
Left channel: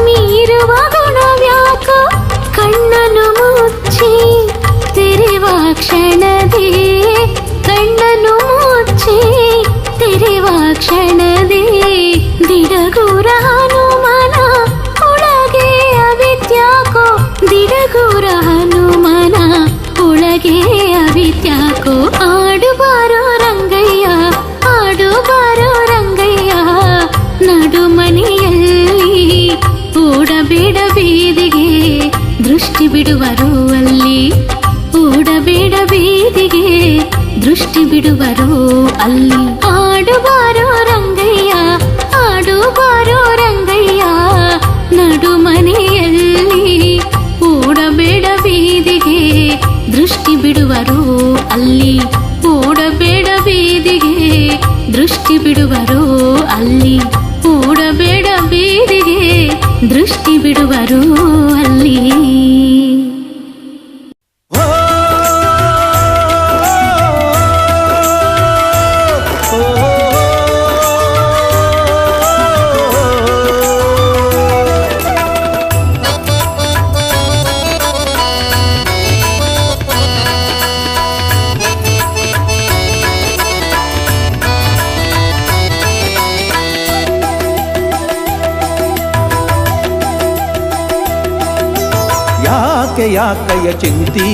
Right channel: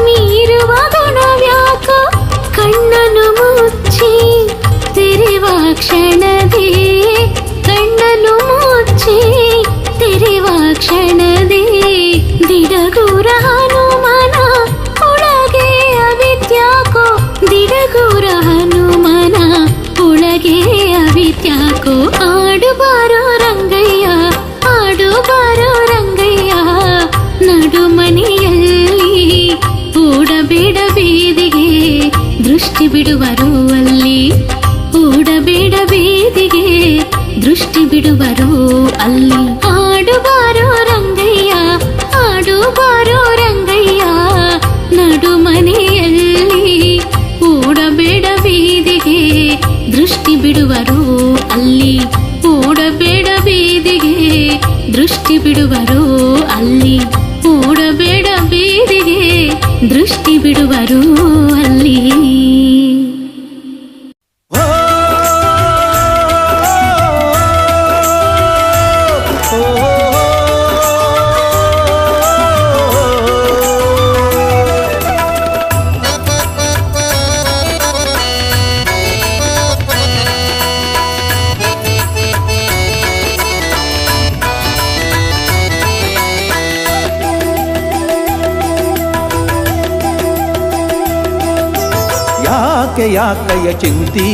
ಮೀರುವ ಗುಣವ್ಯಾಕೋ ಕಣ್ಣನು ಮುಚ್ಚಿ ತೆರೆವ ಕ್ಷಣದೇ ಕಣ್ಣನು ಮುಚ್ಚಿ ತೆರೆವ ಕ್ಷಣದೇ ದಿಡಗೂರ ಹನುಮನ ಒಳಗೆ ಅವಿತ್ಯಾಕೋ ದಿಡಗೂರ ಹನುಮನ ಒಳಗೆ ಅವಿತ್ಯಾಕೋ ಆಡುಬಾರೋ ರಂಗಯ್ಯ ಆಡುಬಾರೋ ರಂಗಯ್ಯ ನಡುಮನೆಯಲ್ಲಿ ಓಡಬೇಡ ಬೀದಿಗೆ ದೃಷ್ಟಿ ಬಿಡುವರು ಅಲ್ಲಿ ಓಡಬೇಡ ಬೀದಿಗೆ ದೃಷ್ಟಿ ಬಿಡುವರು ಅಲ್ಲಿ ಆಡುಬಾರೋ ರಂಗಯ್ಯ ಆಡುಬಾರೋ ರಂಗಯ್ಯ ನಡುಮನೆಯಲ್ಲಿ ಓಡಬೇಡ ಬೀದಿಗೆ ದೃಷ್ಟಿ ಬಿಡುವರು ಅಲ್ಲಿ ಓಡಬೇಡ ಬೀದಿಗೆ ದೃಷ್ಟಿ ಬಿಡುವರು ಅಲ್ಲಿ ಓಡಬೇಡ ಬೀದಿಗೆ ದೃಷ್ಟಿ ಬಿಡುವರು ಅಲ್ಲಿ ಯಾಕೆ ಯಾಕಯ್ಯ ಚಿಂತಿ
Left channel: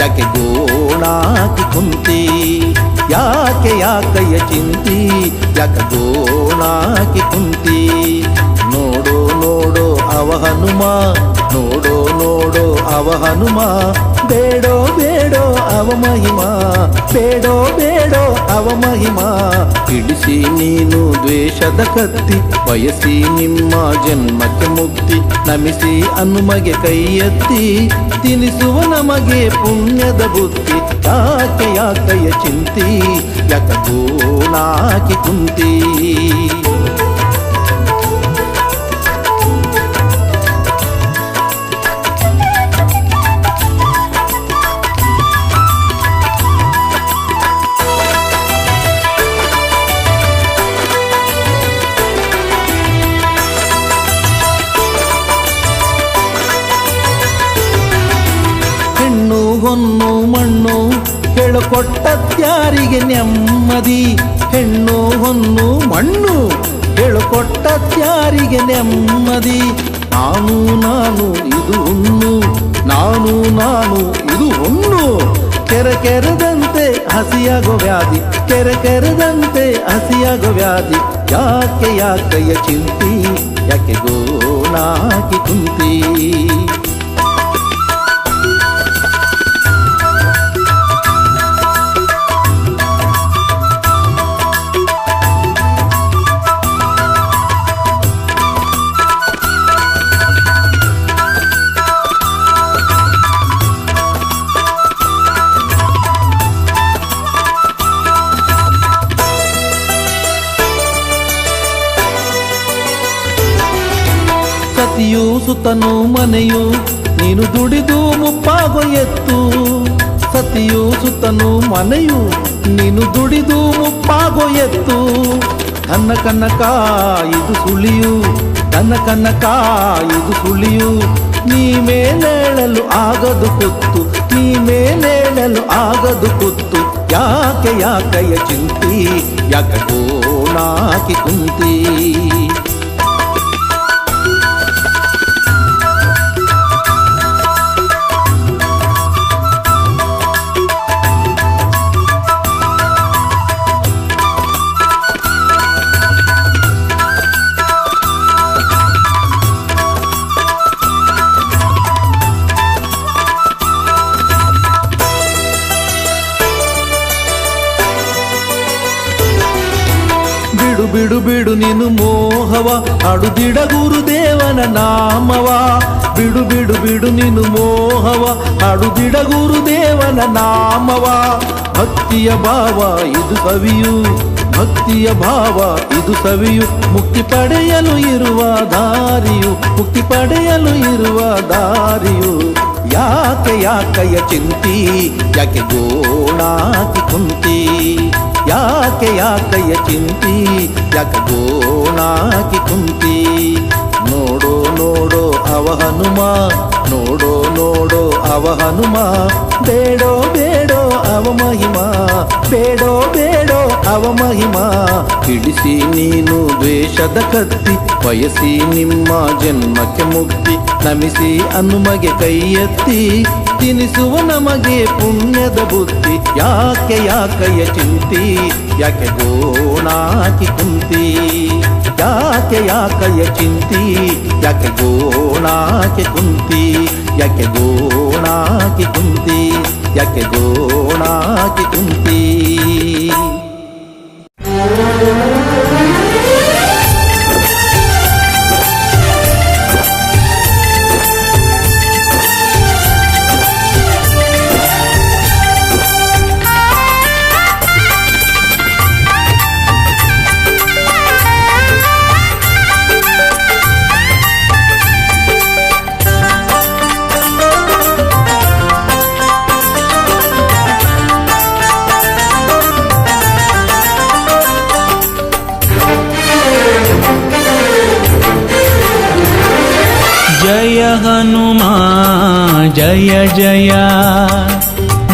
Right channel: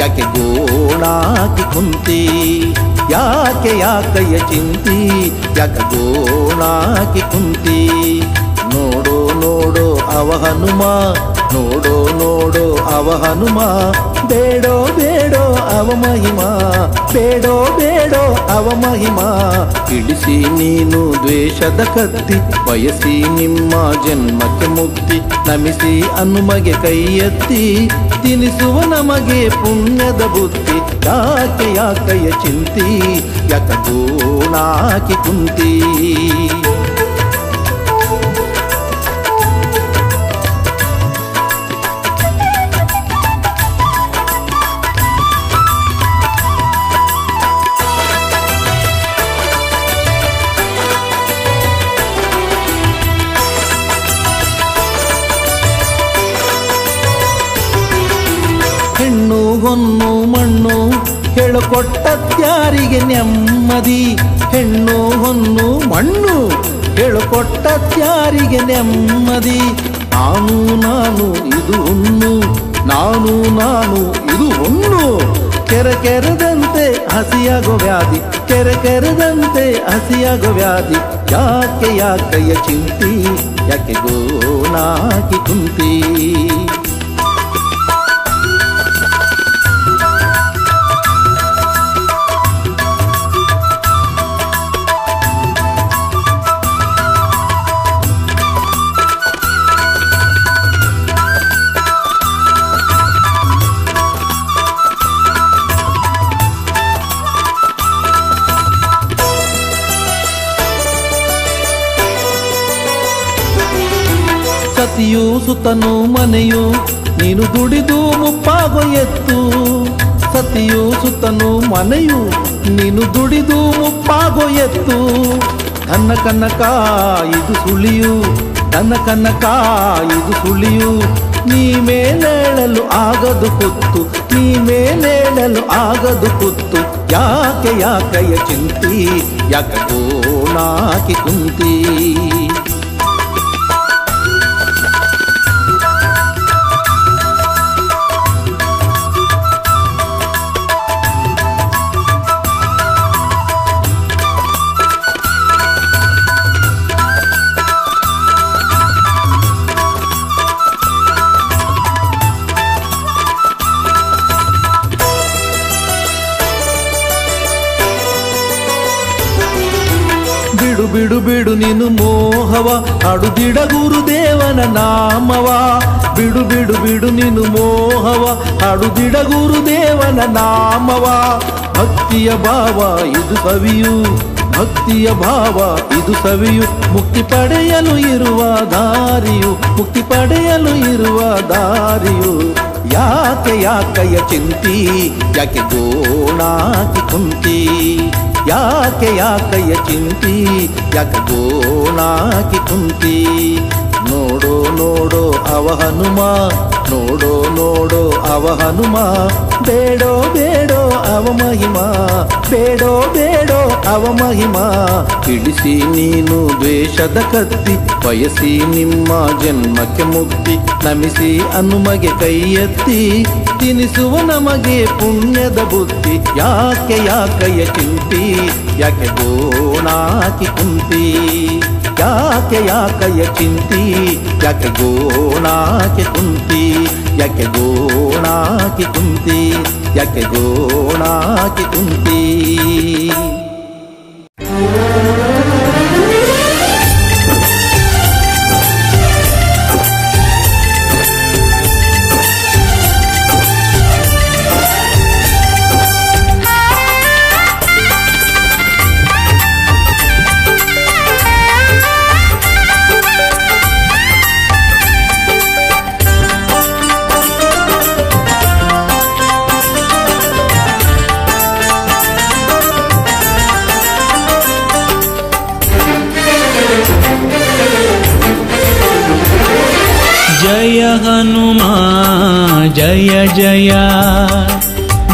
ಯಾಕೆ ಗೋಣಾಕಿ ಕುಂತಿ ಯಾಕೆ ಯಾಕಯ್ಯ ಚಿಂತಿ ಯಾಕೆ ಗೋಣಾಕಿ ಕುಂತಿ ನೋಡೋ ನೋಡೋ ಅವ ಹನುಮ ನೋಡೋ ನೋಡೋ ಅವ ಹನುಮ ಬೇಡೋ ಬೇಡೋ ಅವ ಮಹಿಮಾ ಬೇಡೋ ಬೇಡೋ ಅವ ಮಹಿಮಾ ಇಳಿಸಿ ನೀನು ದ್ವೇಷದ ಕತ್ತಿ ಬಯಸಿ ನಿಮ್ಮ ಜನ್ಮಕ್ಕೆ ಮುಕ್ತಿ ನಮಿಸಿ ಹನುಮಗೆ ಕೈ ಎತ್ತಿ ತಿನಿಸುವ ನಮಗೆ ಪುಣ್ಯದ ಬುದ್ಧಿ ಯಾಕೆ ಯಾಕಯ್ಯ ಚಿಂತಿ ಯಾಕ ಗೋಣಾಕಿ ಕುಂತಿ ಹೆಣ್ಣು ಹೊನ್ನು ಮಣ್ಣು ಹೇಳಿಕೊಟ್ಟತ್ಯಾರಿಗೆ ನೆಮ್ಮದಿ ಹೆಣ್ಣು ಹೊನ್ನು ಮಣ್ಣು ಹೇಳಿಕೊಟ್ಟತ್ಯಾರಿಗೆ ನೆಮ್ಮದಿ ನಾನು ನಾನು ಇದು ಹುಣ್ಣು ನಾನು ನಾನು ಇದು ಹುಣ್ಣು ಕೆರೆದಂತೆ ಹಸಿಯಾಗೋ ವ್ಯಾಧಿ ಕೆರೆದಂತೆ ಹಸಿಯಾಗೋ ವ್ಯಾಧಿ ಯಾಕೆ ಯಾಕಯ್ಯ ಚಿಂತಿ ಯಾಕೆ ಗೋಣಾಕಿ ಕುಂತಿ ಸತಿಯು ಸುತನು ಮನೆಯು ನೀನು ದುಡಿದು ಮುಪ್ಪಾಗೋ ಎತ್ತು ಸತಿಯು ಸುತ್ತನು ಮನೆಯು ನೀನು ದುಡಿದು ಮುಪ್ಪಾಗೋ ಎತ್ತು ನನ್ನ ಕನ್ನಕ ಇದು ಸುಳಿಯು ನನ್ನ ಕನ್ನಕ ಇದು ಸುಳಿಯು ನೀ ಮೇಲೇಳಲು ಆಗದು ಕುತ್ತು ನೀ ಮೇಲೇಳಲು ಆಗದು ಕುತ್ತು ಯಾಕೆ ಯಾಕೆಯ ಚಿಂತಿ ಯಾಕೆ ಕೋಣಾಕಿ ಕುಂತಿ ಬಿಡು ಬಿಡು ಬಿಡು ನೀನು ಮೋಹವ ಅಡುದಿಡ ಗುರುದೇವನ ನಾಮವ ಬಿಡು ಬಿಡು ಬಿಡು ನೀನು ಮೋಹವ ಅಡುದಿಡ ಗುರುದೇವನ ನಾಮವ ಭಕ್ತಿಯ ಭಾವ ಇದು ಸವಿಯು ಭಕ್ತಿಯ ಭಾವ ಇದು ಸವಿಯು ಮುಕ್ತಿ ಪಡೆಯಲು ಇರುವ ದಾರಿಯು ಮುಕ್ತಿ ಪಡೆಯಲು ಇರುವ ದಾರಿಯು ಯಾಕೆ ಯಾಕೆಯ ಚಿಂತಿ ಯಾಕೆ ಗೋಣಾಕಿ ಕುಂತಿ ಯಾಕೆ ಯಾಕೆಯ ಚಿಂತಿ ಯಾಕೆ ಗೋಣಾಕಿ ಕುಂತಿ ನೋಡೋ ನೋಡೋ ಅವ ಹನುಮ ನೋಡೋ ನೋಡೋ ಅವ ಹನುಮ ಬೇಡೋ ಬೇಡೋ ಅವ ಮಹಿಮಾ ಬೇಡೋ ಬೇಡೋ ಅವ ಮಹಿಮಾ ಹಿಡಿಸಿ ನೀನು ದ್ವೇಷದ ಕತ್ತಿ ಬಯಸಿ ನಿಮ್ಮ ಜನ್ಮಕ್ಕೆ ಮುಕ್ತಿ ನಮಿಸಿ ಹನುಮಗೆ ಕೈ ಎತ್ತಿ ತಿನಿಸುವ ನಮಗೆ ಪುಣ್ಯದ ಬುದ್ಧಿ ಯಾಕೆ ಯಾಕೆಯ ಚಿಂತಿ ಯಾಕೆ ಗೋಣಾಕಿ ಕುಂತಿ ಯಾಕೆ ಯಾಕೆಯ ಚಿಂತಿ ಯಾಕೆ ಗೋಣಾಕಿ ಕುಂತಿ ಯಾಕೆ ಗೋಣಾಕಿ ಕುಂತಿ ಯಾಕೆ ಗೋಣಾಕಿ ಕುಂತಿ जय हनुमा जय जय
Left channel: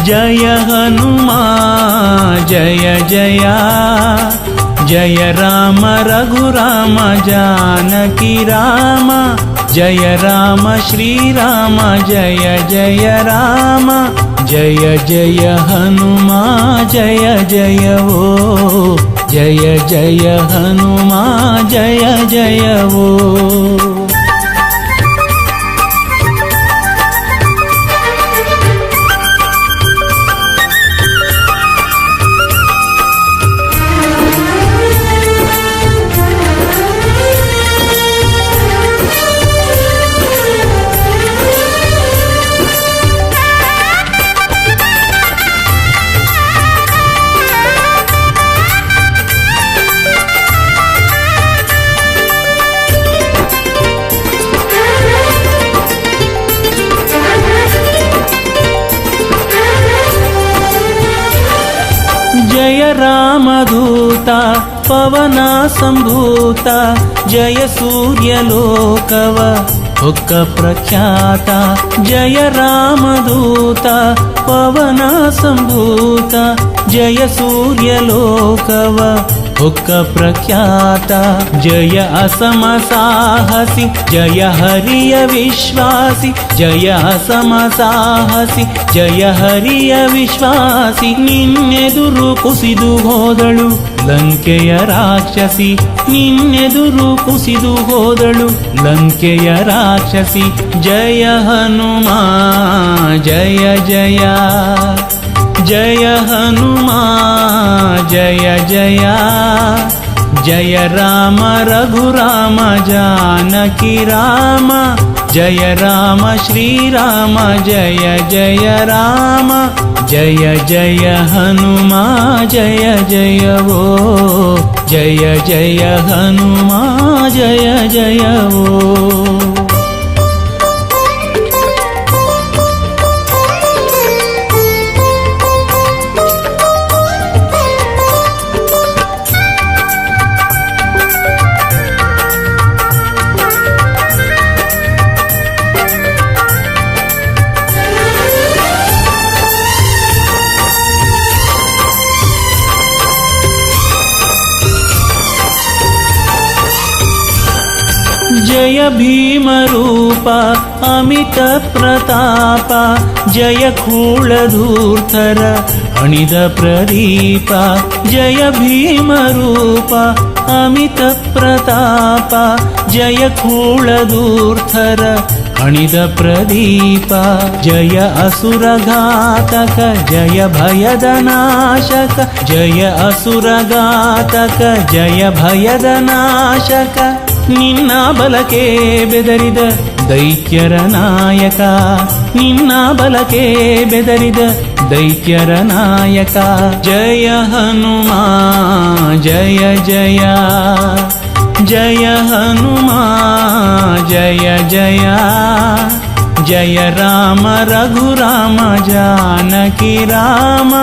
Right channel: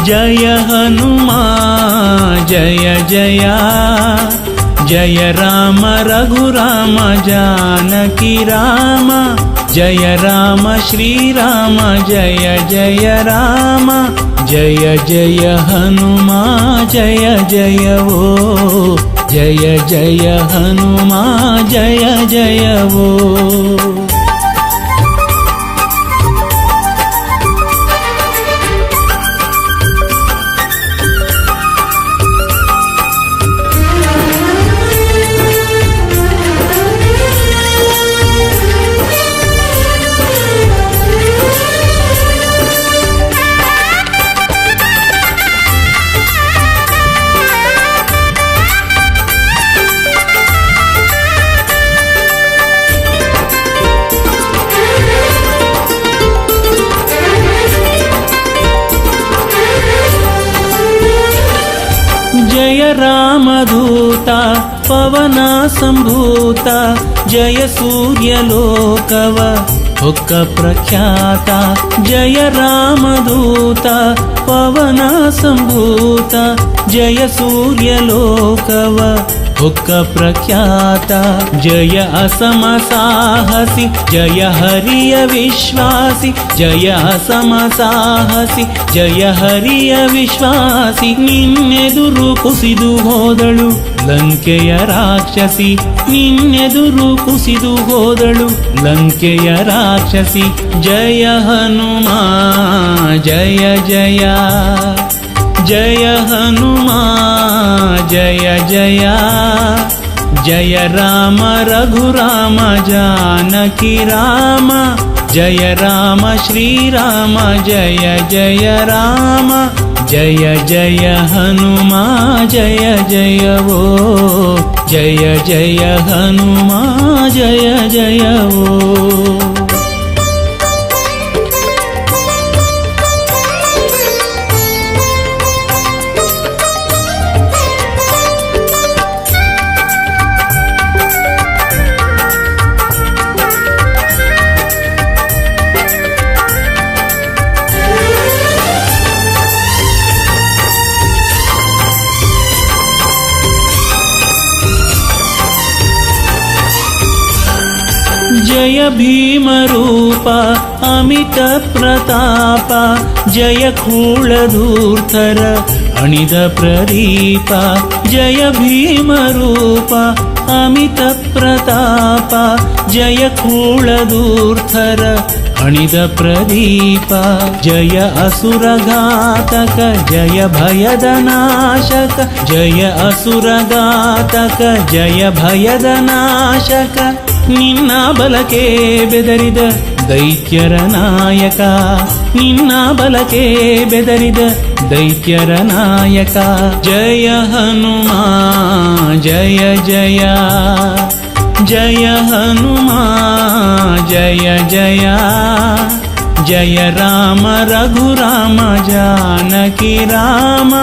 जय हनुमा जय जय जय राम रघुराम जानकी राम जय राम श्री राम जय जय राम जय जय हनुमा जय जय वो जय जय हनुमा जय जय वो जय रामदूता पवन संभूता जय सूर्यलोकव हुक्क प्रख्याता जय रामदूता पवन संभूता जय सूर्यलोकव हुक्क प्रख्याता जय असम साहसी जय हरिय विश्वासी जय असम साहसी जय हरिय विश्वासी निन्नेದುರು ಕುಸಿದು ಹೋದಳು ಲಂಕೆಯ ರಾಕ್ಷಸಿ ನಿನ್ನೆದುರು ಕುಸಿದು ಹೋದಳು ಲಂಕೆಯ ರಾಕ್ಷಸಿ ಜಯ ಹನುಮಾ ಜಯ ಜಯ जय हनुमा जय जय जय राम रघुराम जानकी राम जय राम श्री राम जय जय राम जय जय हनुमा जय जय वो जय जय हनुमा जय जय वो ಜಯ ಭೀಮರೂಪ ಅಮಿತ ಪ್ರತಾಪ ಜಯ ಕೂಳಧೂರ್ಥರ ಅಣಿದ ಪ್ರದೀಪ ಜಯ ಭೀಮರೂಪ ಅಮಿತ ಪ್ರತಾಪ ಜಯ ಕೂಳಧೂರ್ಥರ ಅಣಿದ ಪ್ರದೀಪ ಜಯ ಅಸುರಘಾತಕ ಜಯ ಭಯದ ನಾಶಕ ಜಯ ಅಸುರಘಾತಕ ಜಯ ಭಯದ ನಾಶಕ ನಿನ್ನ ಬಲಕೆ ಬೆದರಿದ ದೈತ್ಯರ ನಾಯಕ ನಿನ್ನ ಬಲಕೆ ಬೆದರಿದ ದೈತ್ಯರ ನಾಯಕ ಜಯ ಹನುಮ ಜಯ ಜಯ ಜಯ ಹನುಮ ಜಯ ಜಯ ಜಯ ರಾಮ ರಘುರಾಮ ಜಾನಕಿ ರಾಮ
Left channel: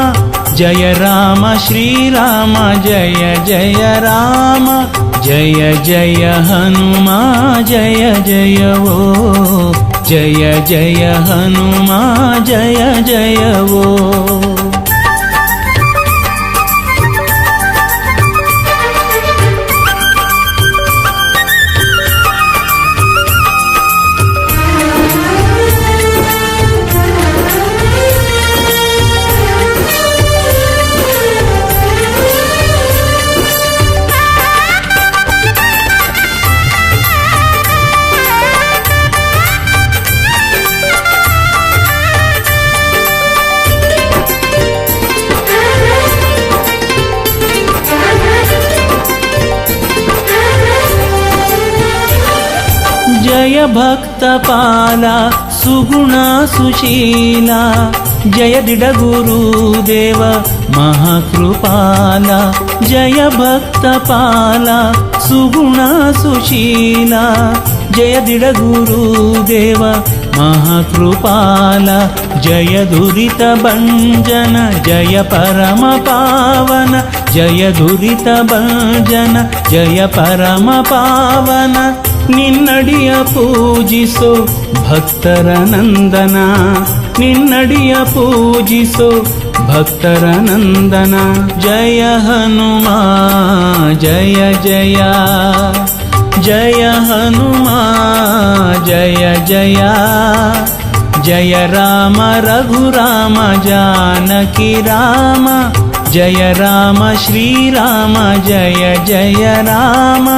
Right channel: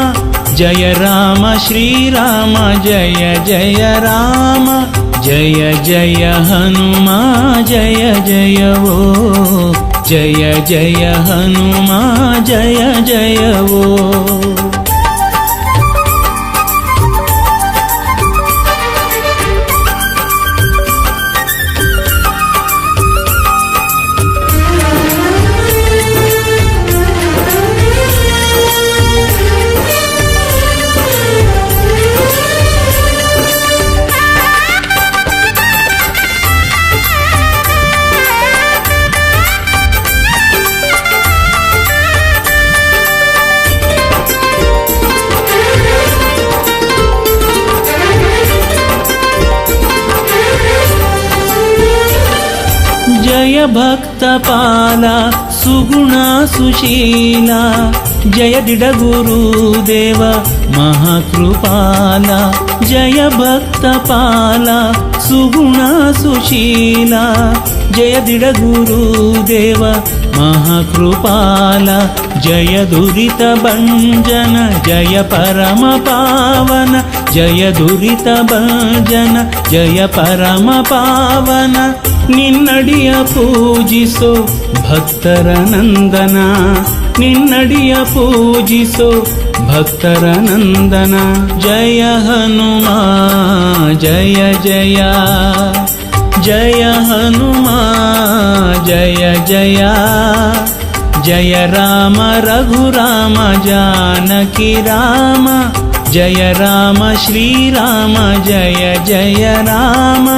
ಜಯ ರಾಮ ಶ್ರೀರಾಮ ಜಯ ಜಯ ರಾಮ ಜಯ ಜಯ ಹನುಮ ಜಯ ಜಯವೋ ಜಯ ಜಯ ಹನುಮ ಜಯ ಜಯವೋ जय भक्तपाल सुगुण सुशील जय दिडगुरुदेव महाकृपाल जय भक्तपाल सुगुण सुशील जय दिडगुरुदेव महाकृपाल जय दुरित भंजन जय परम पावन जय दुरित भंजन जय परम पावन ನಿನ್ನಡಿಯ ಪೂಜಿಸೋ ಭಕ್ತರ ನಂದನ ನಿನ್ನಡಿಯ ಪೂಜಿಸೋ ಭಕ್ತರ ನಂದನ ಜಯ ಹನುಮ ಜಯ ಜಯ ಜಯ ಹನುಮ ಜಯ ಜಯ ಜಯ ರಾಮ ರಘುರಾಮ ಜಾನಕಿ ರಾಮ ಜಯ ರಾಮ ಶ್ರೀರಾಮ ಜಯ ಜಯ ರಾಮ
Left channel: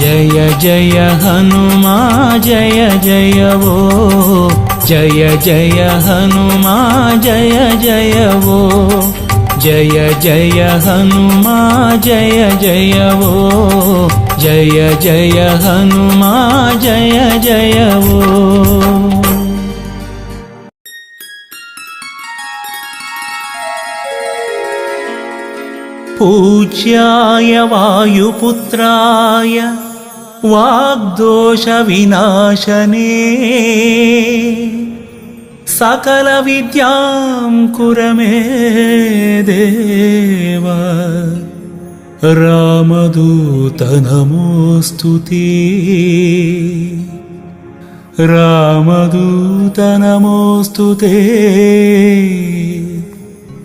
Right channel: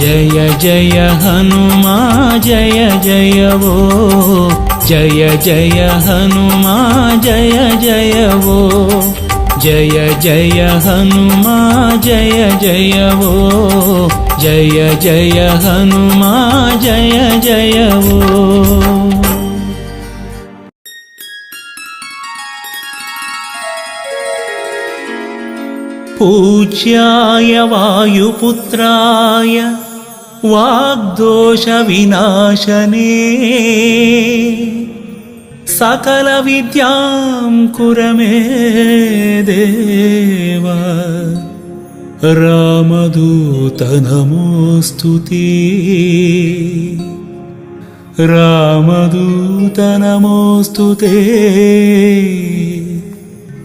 ಜಯ ಜಯ ಹನುಮ ಜಯ ಜಯವೋ ಜಯ ಜಯ ಹನುಮ ಜಯ ಜಯವೋ ಜಯ ಜಯ ಹನುಮ ಜಯ ಜಯವೋ ಜಯ ಜಯ ಹನುಮ ಜಯ ಜಯವೋ पूज्याय वायुपुत्राय वाग्दोषविनाशने सकलविद्यां कुर मे देव रामदूत नमोऽस्तु ते रामदूत नमोऽस्तु ते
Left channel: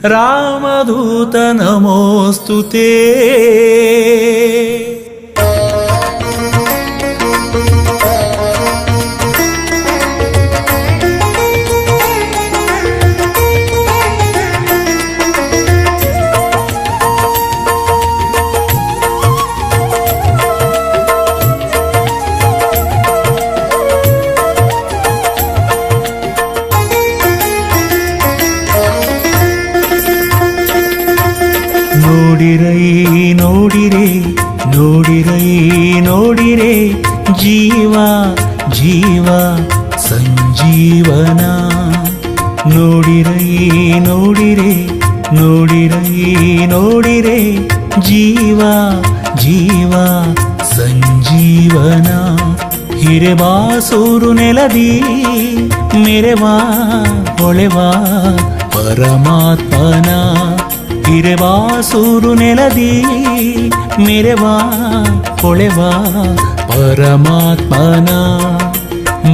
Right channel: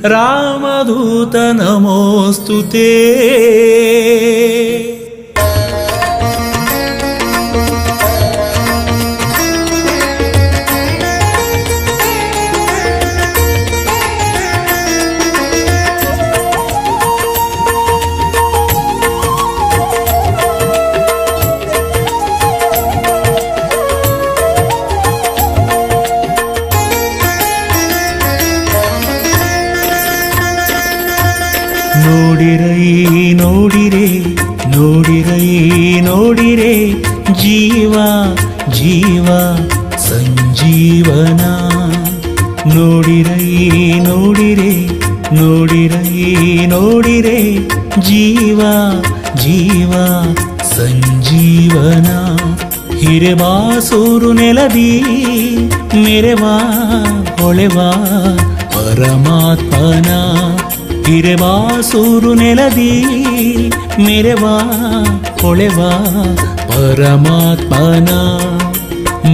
रामदूत नमोऽस्तु ते ನೋಡಿರೈ ನೋಡಿರೆ ನೋಡಿರೈ ನೋಡಿರೆ ಜೀವ ಜೀವ ಸಂಜೀವನ ನೋಡಿರೈ ನೋಡಿರೆ ನೋಡಿರೈ ನೋಡಿರೆ ಜೀವ ಜೀವ ಸಂಜೀವನ ಹಿರೆಬಾಸೂರು ನೆಲದಿ ಮೆರೆವಾ ಹೊಳೆವಾ ಪರಮಾತ್ಮನ ಹಿರೆಬಾಸೂರು ನೆಲದಿ ಮೆರೆವಾ ಹೊಳೆವಾ ಪರಮಾತ್ಮನ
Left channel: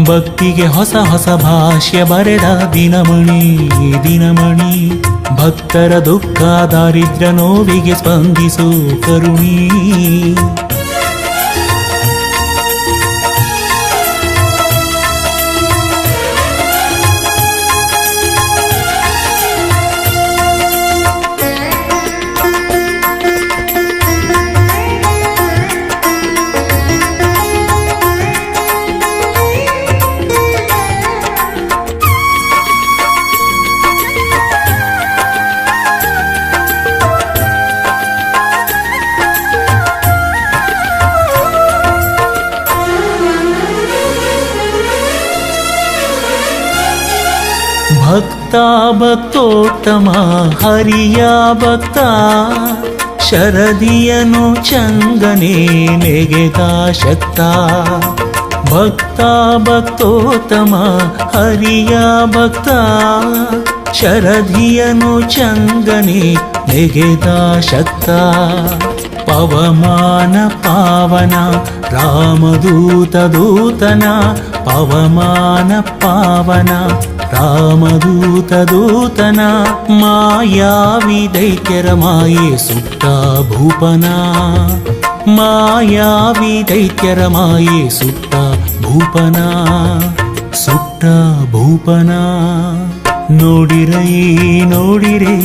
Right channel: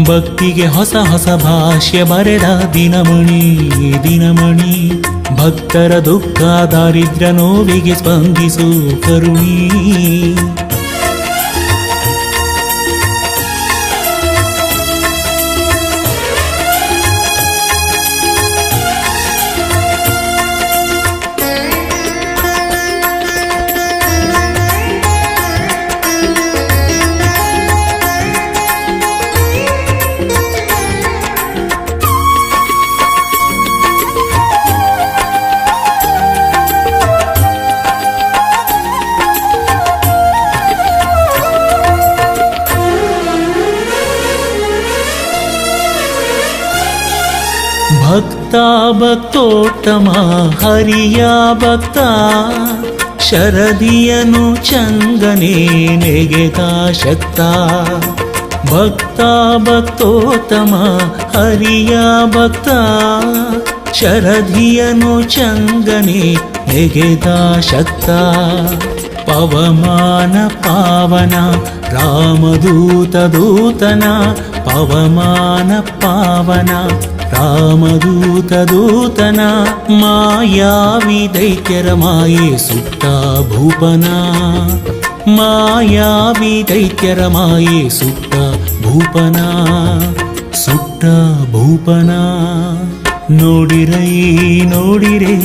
ಭಕ್ತಿಗೆ ಹೊಸ ಹೊಸ ಭಾಷ್ಯ ಬರೆದ ದಿನಮಣಿ ದಿನಮಣಿ ಭಕ್ತರ ದುಃಖ ದಾರಿದ್ರ್ಯ ನೋವಿಗೆ ಸ್ಪಂದಿಸು ಭಕ್ತೋತ್ತಮ ಹರಿಯ ಭಕ್ತ ಶರದಿಯನು ಚಂಗನೆ ನೆಗೆದ ಶಕ್ತ ಭಕ್ತೋತ್ತಮ ಹರಿಯ ಭಕ್ತ ಶರದಿಯನು ಚಂಗನೆ ನೆಗೆದ ಶಕ್ತ ಪವಮಾನ ಪಾವನ ರಾಮದೂತ ದೂತನ ಪವಮಾನ ಪಾವನ ರಾಮದೂತ ದೂತನ ಮಾಯಾವಿ ದೈತ್ಯರ ಮಾಯೆ ಸುಟ್ಟ ಭೂಪನ ಮಾಯಾವಿ ದೈತ್ಯರ ಮಾಯೆ ಸುಟ್ಟ ಭೂಪನ ಸುಟ್ಟ ಭೂಪನ ನೋಡಿರೈ ನೋಡಿರೆ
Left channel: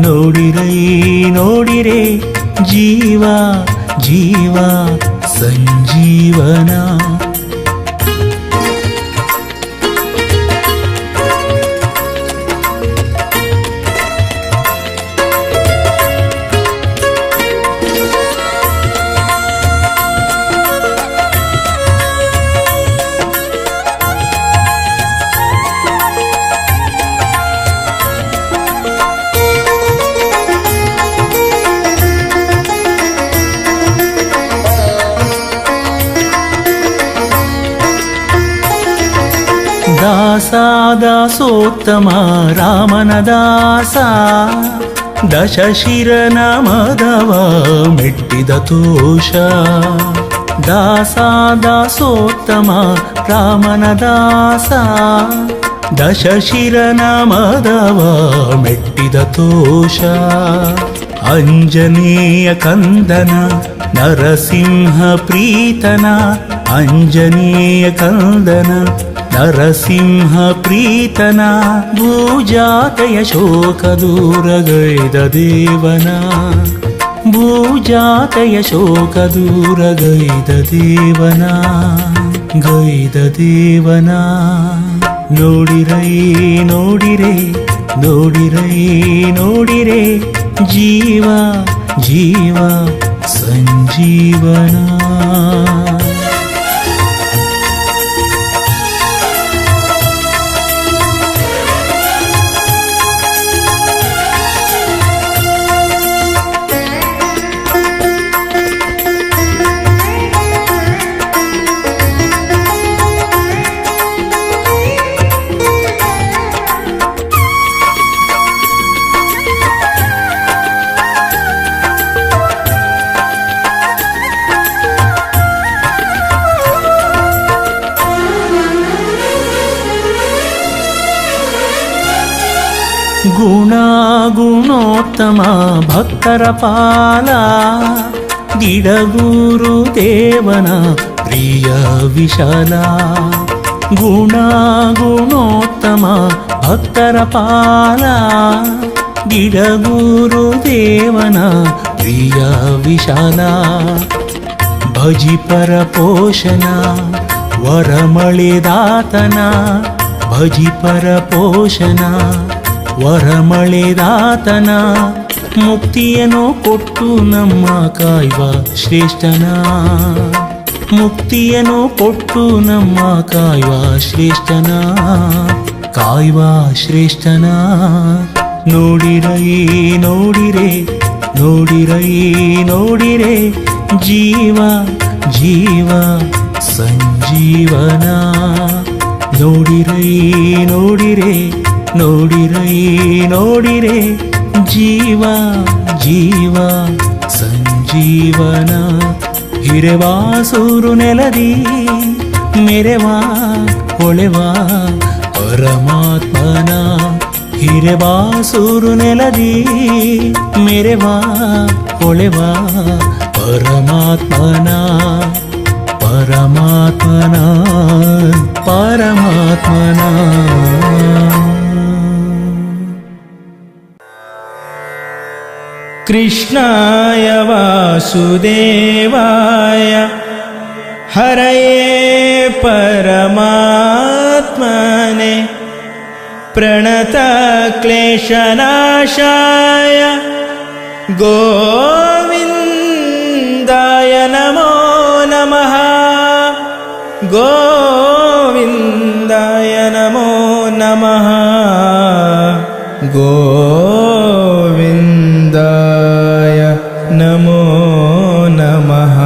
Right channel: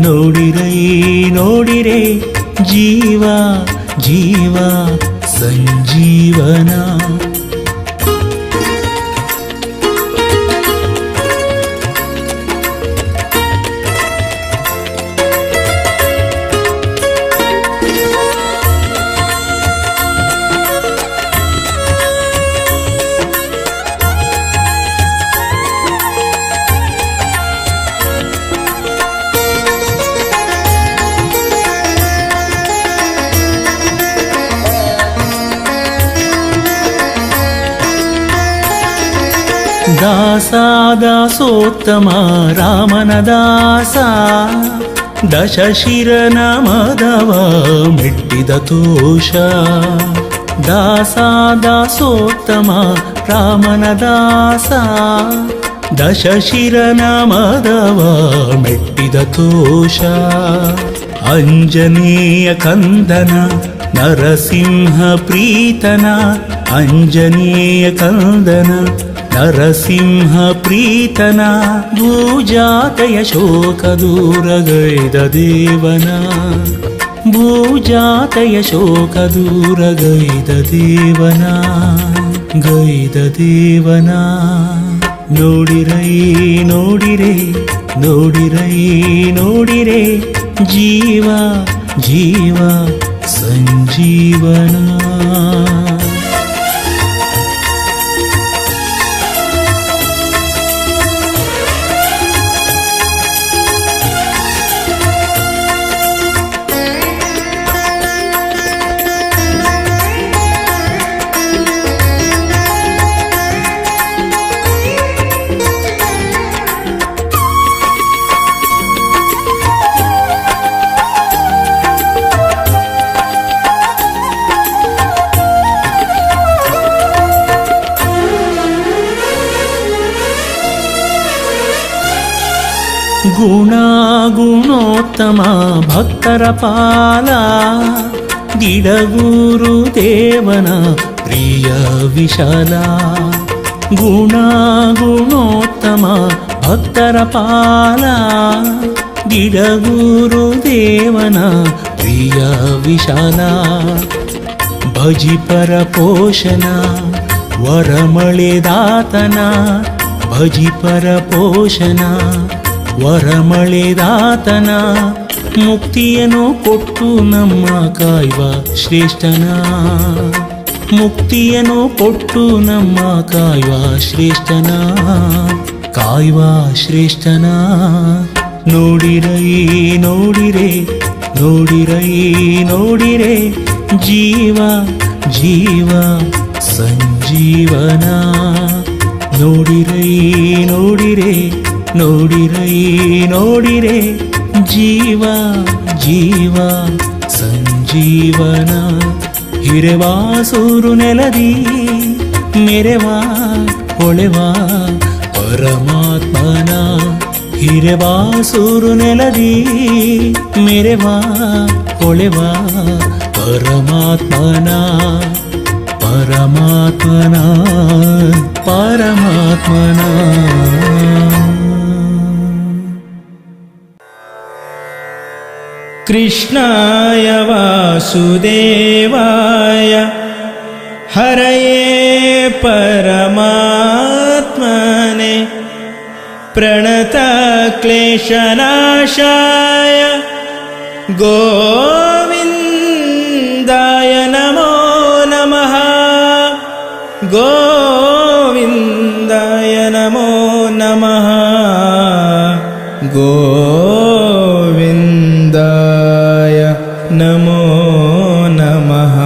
ನೋಡಿರೈ ನೋಡಿರೆ ಜೀವ ಜೀವ ಸಂಜೀವನ ದಾಸೋತ್ತಮ ರಾಮನ ದಾಸ ದಶಶಿರನ ಮದವ ಮೆಟ್ಟಿದ ತೋಷ ದಾಸೋತ್ತಮ ರಾಮನ ದಾಸ ದಶಶಿರನ ಮದವ ಮೆಟ್ಟಿದ ತೋಷ ಅಂಜನೇಯ ಕಂದನ ನರಸಿಂಹ ಪ್ರೀತನ ಅಂಜನೇಯ ಕಂದನ ನರಸಿಂಹ ಪ್ರೀತನ ಭೂಜಾತೆಯ ಶೋಕ ದೂರಗೈದ ದೇವನ ಭೂಜಾತೆಯ ಶೋಕ ದೂರಗೈದ ದೇವನ ಗೈದ ದೇವನ ನೋಡಿರೈ ನೋಡಿರೆ ನೋಡಿರೈ ನೋಡಿರೆ ಜೀವ ಜೀವ ಸಂಜೀವನ ಗುಣೋತ್ತಮ ಭಕ್ತರ ಪಾಲ ದಿಡಗೂರು ದೇವನ ಪ್ರಿಯ ವಿಶಾಲ ಗುಣೋತ್ತಮ ಭಕ್ತರ ಪಾಲ ದಿಡಗೂರು ದೇವನ ಪ್ರಿಯ ವಿಶಾಲ ಭಜಿಪರ ಪೋಷಣ ವರಮಳೆದಾತನ ಭಜಿಪರ ಪೋಷಣ ವರಮಳೆದಾತನ ಮುಕ್ತಿಯನ್ನು ಕೊಟ್ಟು ನಮ್ಮ ಕಾಯ್ವ ಶ್ರೇಷ್ಠನ ಮುಕ್ತಿಯನ್ನು ಕೊಟ್ಟು ನಮ್ಮ ಕಾಯ್ವ ಶ್ರೇಷ್ಠನ ಕಾಯ್ವ ಶ್ರೇಷ್ಠನ ನೋಡಿರೈ ನೋಡಿರೆ ನೋಡಿರೈ ನೋಡಿರೆ ಜೀವ ಜೀವ ಸಂಜೀವನ ನೋಡಿರೈ ನೋಡಿರೆ ನೋಡಿರೈ ನೋಡಿರೆ ಜೀವ ಜೀವ ಸಂಜೀವನ ಹಿರೆವಾಸೂರು ನೆಲದಿ ಮೆರೆವಾ ಹೊಳೆವಾ ಪರಮಾತ್ಮನ ಹಿರೆವಾಸೂರು ನೆಲದಿ ಮೆರೆವಾ ಹೊಳೆವಾ ಪರಮಾತ್ಮನ ಪರಮಾತ್ಮನ ಪರಮಾತ್ಮನ ಕೃಷ್ಣಾಯ ವಾಸುದೇವಾಯ ಹರಯೇ ಪರಮಾತ್ಮನೆ ಪ್ರಣತಕ್ಲೇಶನಾಶಾಯ ಗೋವಿಂದಾಯ ನಮೋ ನಮಃ ಗೋವಿಂದಾಯ ನಮೋ ನಮಃ ಗೋವಿಂದಾಯ ನಮೋ ನಮಃ.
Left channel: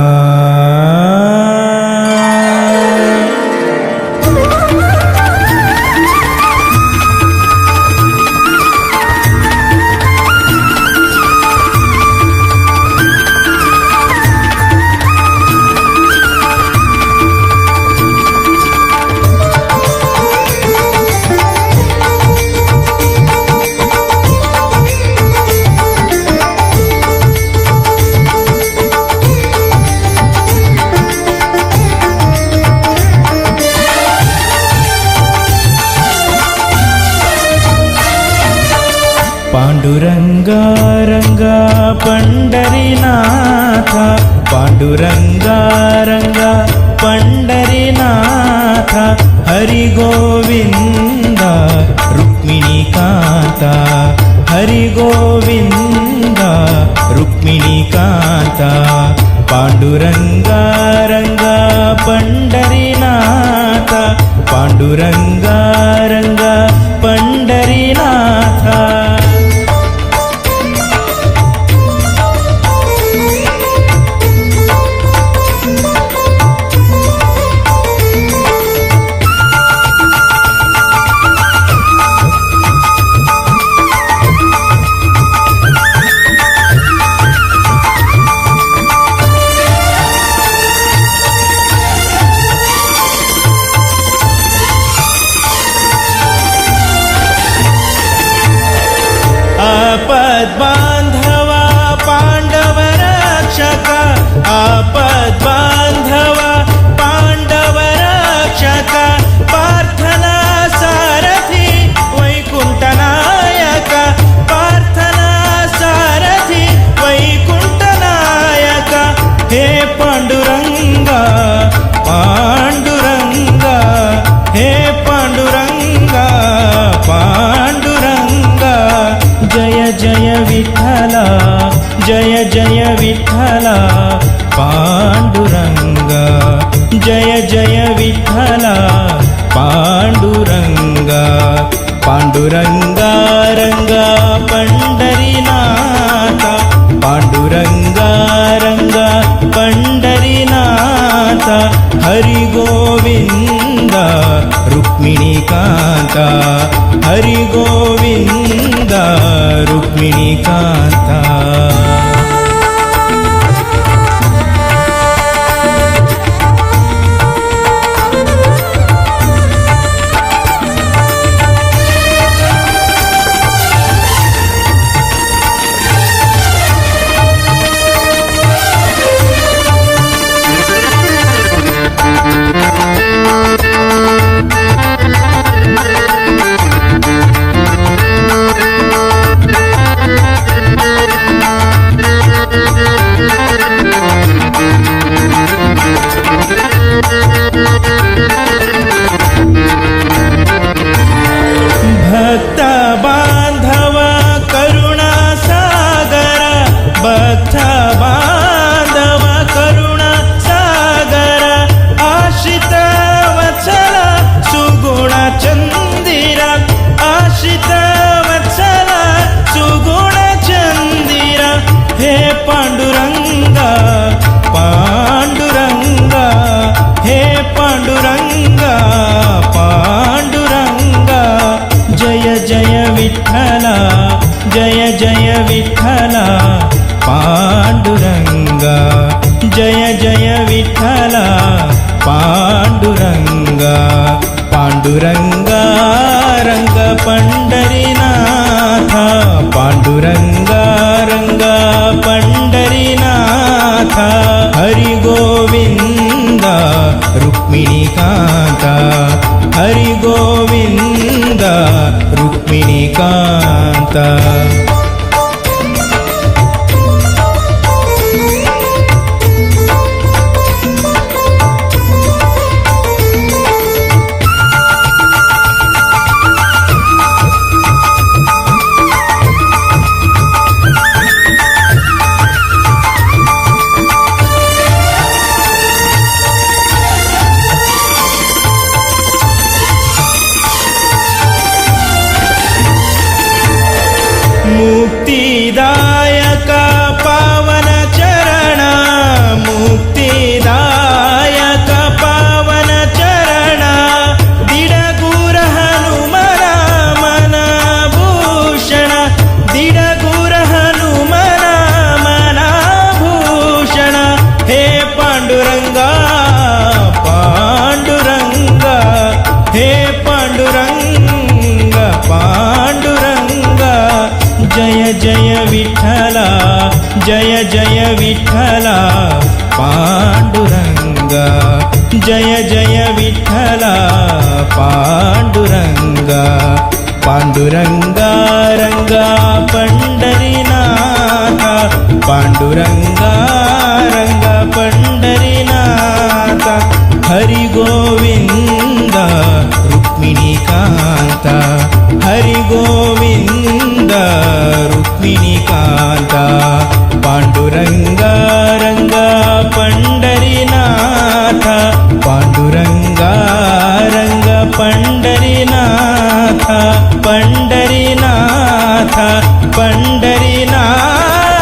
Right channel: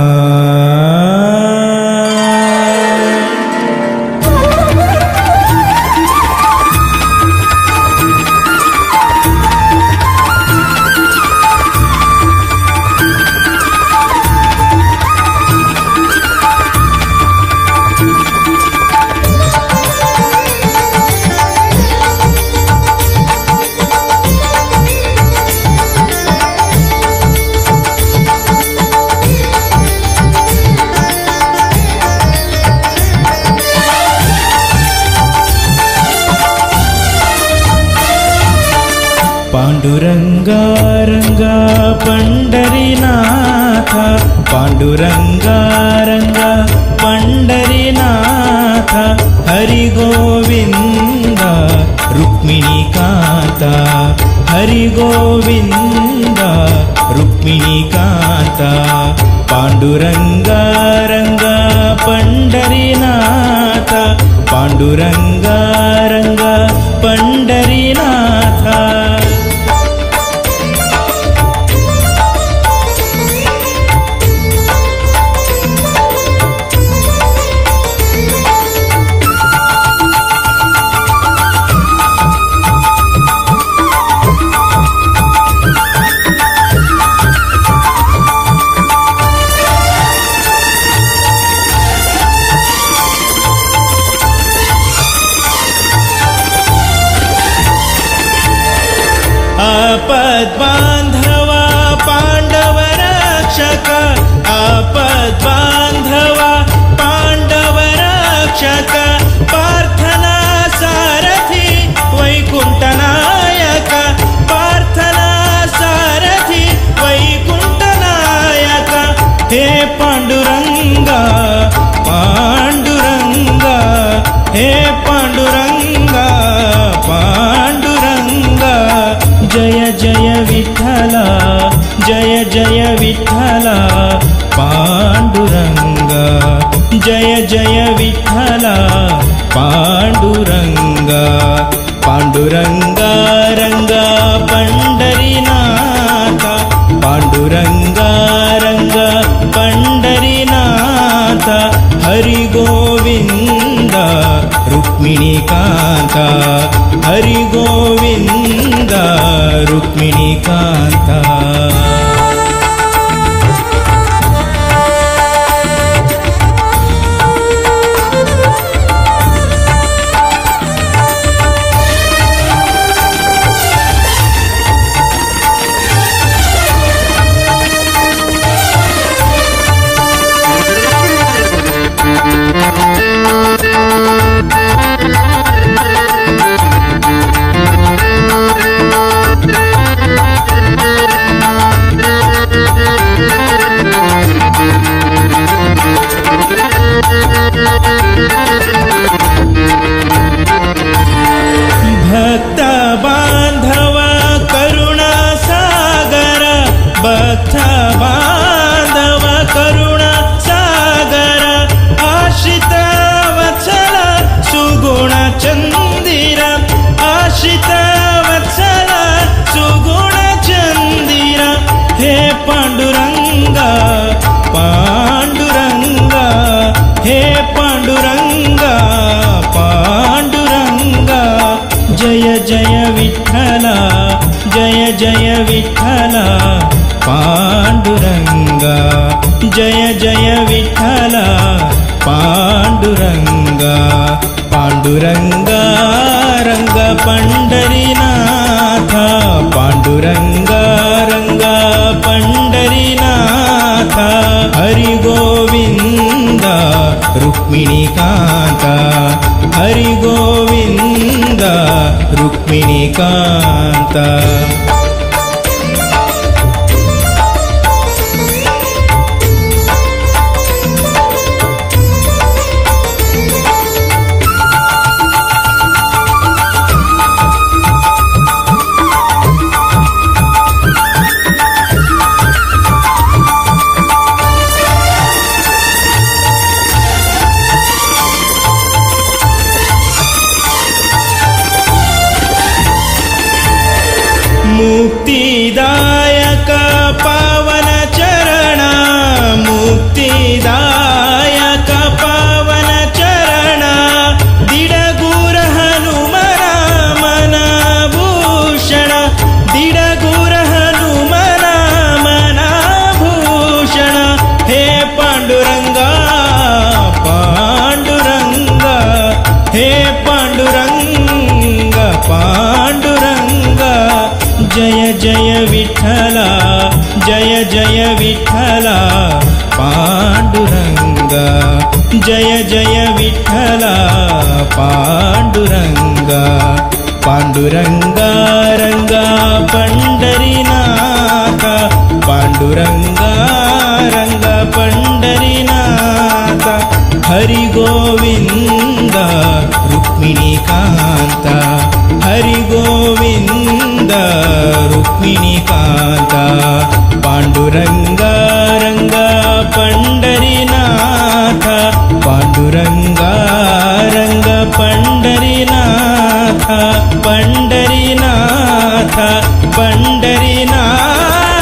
पांडुरंगा रंगा पंढरीनाथ, पांडुरंगा रंगा पंढरीनाथ, हरि गोविंद रुक्मिणीकांत, हरि गोविंद रुक्मिणीकांत. पांडुरंगा रंगा पंढरीनाथ, पांडुरंगा रंगा पंढरीनाथ. आपद्बांधवा पांडव रक्षक, आपद्बांधवा पांडव रक्षक, पार्थना सारथी वैकुंठनायक, पार्थना सारथी वैकुंठनायक. हे पांडुरंगा पांडुरंगा, हे पांडुरंगा पांडुरंगा. जय जय विठ्ठला, जय जय विठ्ठला पांडुरंगा, जय जय विठ्ठला पांडुरंगा. पांडुरंगा रंगा पंढरीनाथ, पांडुरंगा रंगा पंढरीनाथ, हरि गोविंद रुक्मिणीकांत, हरि गोविंद रुक्मिणीकांत. भक्त बांधव करुणा सागर, भक्त बांधव करुणा सागर, आश्रित वत्सल सुगुण चंदिर, आश्रित वत्सल सुगुण चंदिर. हे पांडुरंगा पांडुरंगा, हे पांडुरंगा पांडुरंगा. जय जय विठ्ठला, जय जय विठ्ठला पांडुरंगा, जय जय विठ्ठला पांडुरंगा. पांडुरंगा रंग पंढरीनाथ, पांडुरंगा रंगा पंढरीनाथ, हरि गोविंद रुक्मिणीकांत, हरि गोविंद रुक्मिणीकांत. पावन चरण मुक्तिदायक पावन चरण दिडगुर हनुमना मना भूषण दिडगुर हनुमना मना भूषण हे पांडुरंगा पांडुरंगा हे पांडुरंगा पांडुरंगा जय जय विठ्ठला जय जय विठ्ठला पांडुरंगा जय जय विठ्ठला पांडुरंगा पांडुरंगा रंगा पंढरीनाथ पांडुरंगा रंगा पंढरीनाथ हरि गोविंद रुक्मिणीकांत हरि गोविंद रुक्मिणीकांत पांडुरंगा रंगा पंढरीनाथ पांडुरंगा रंगा पंढरीनाथ पंढरीनाथ पंढरीनाथ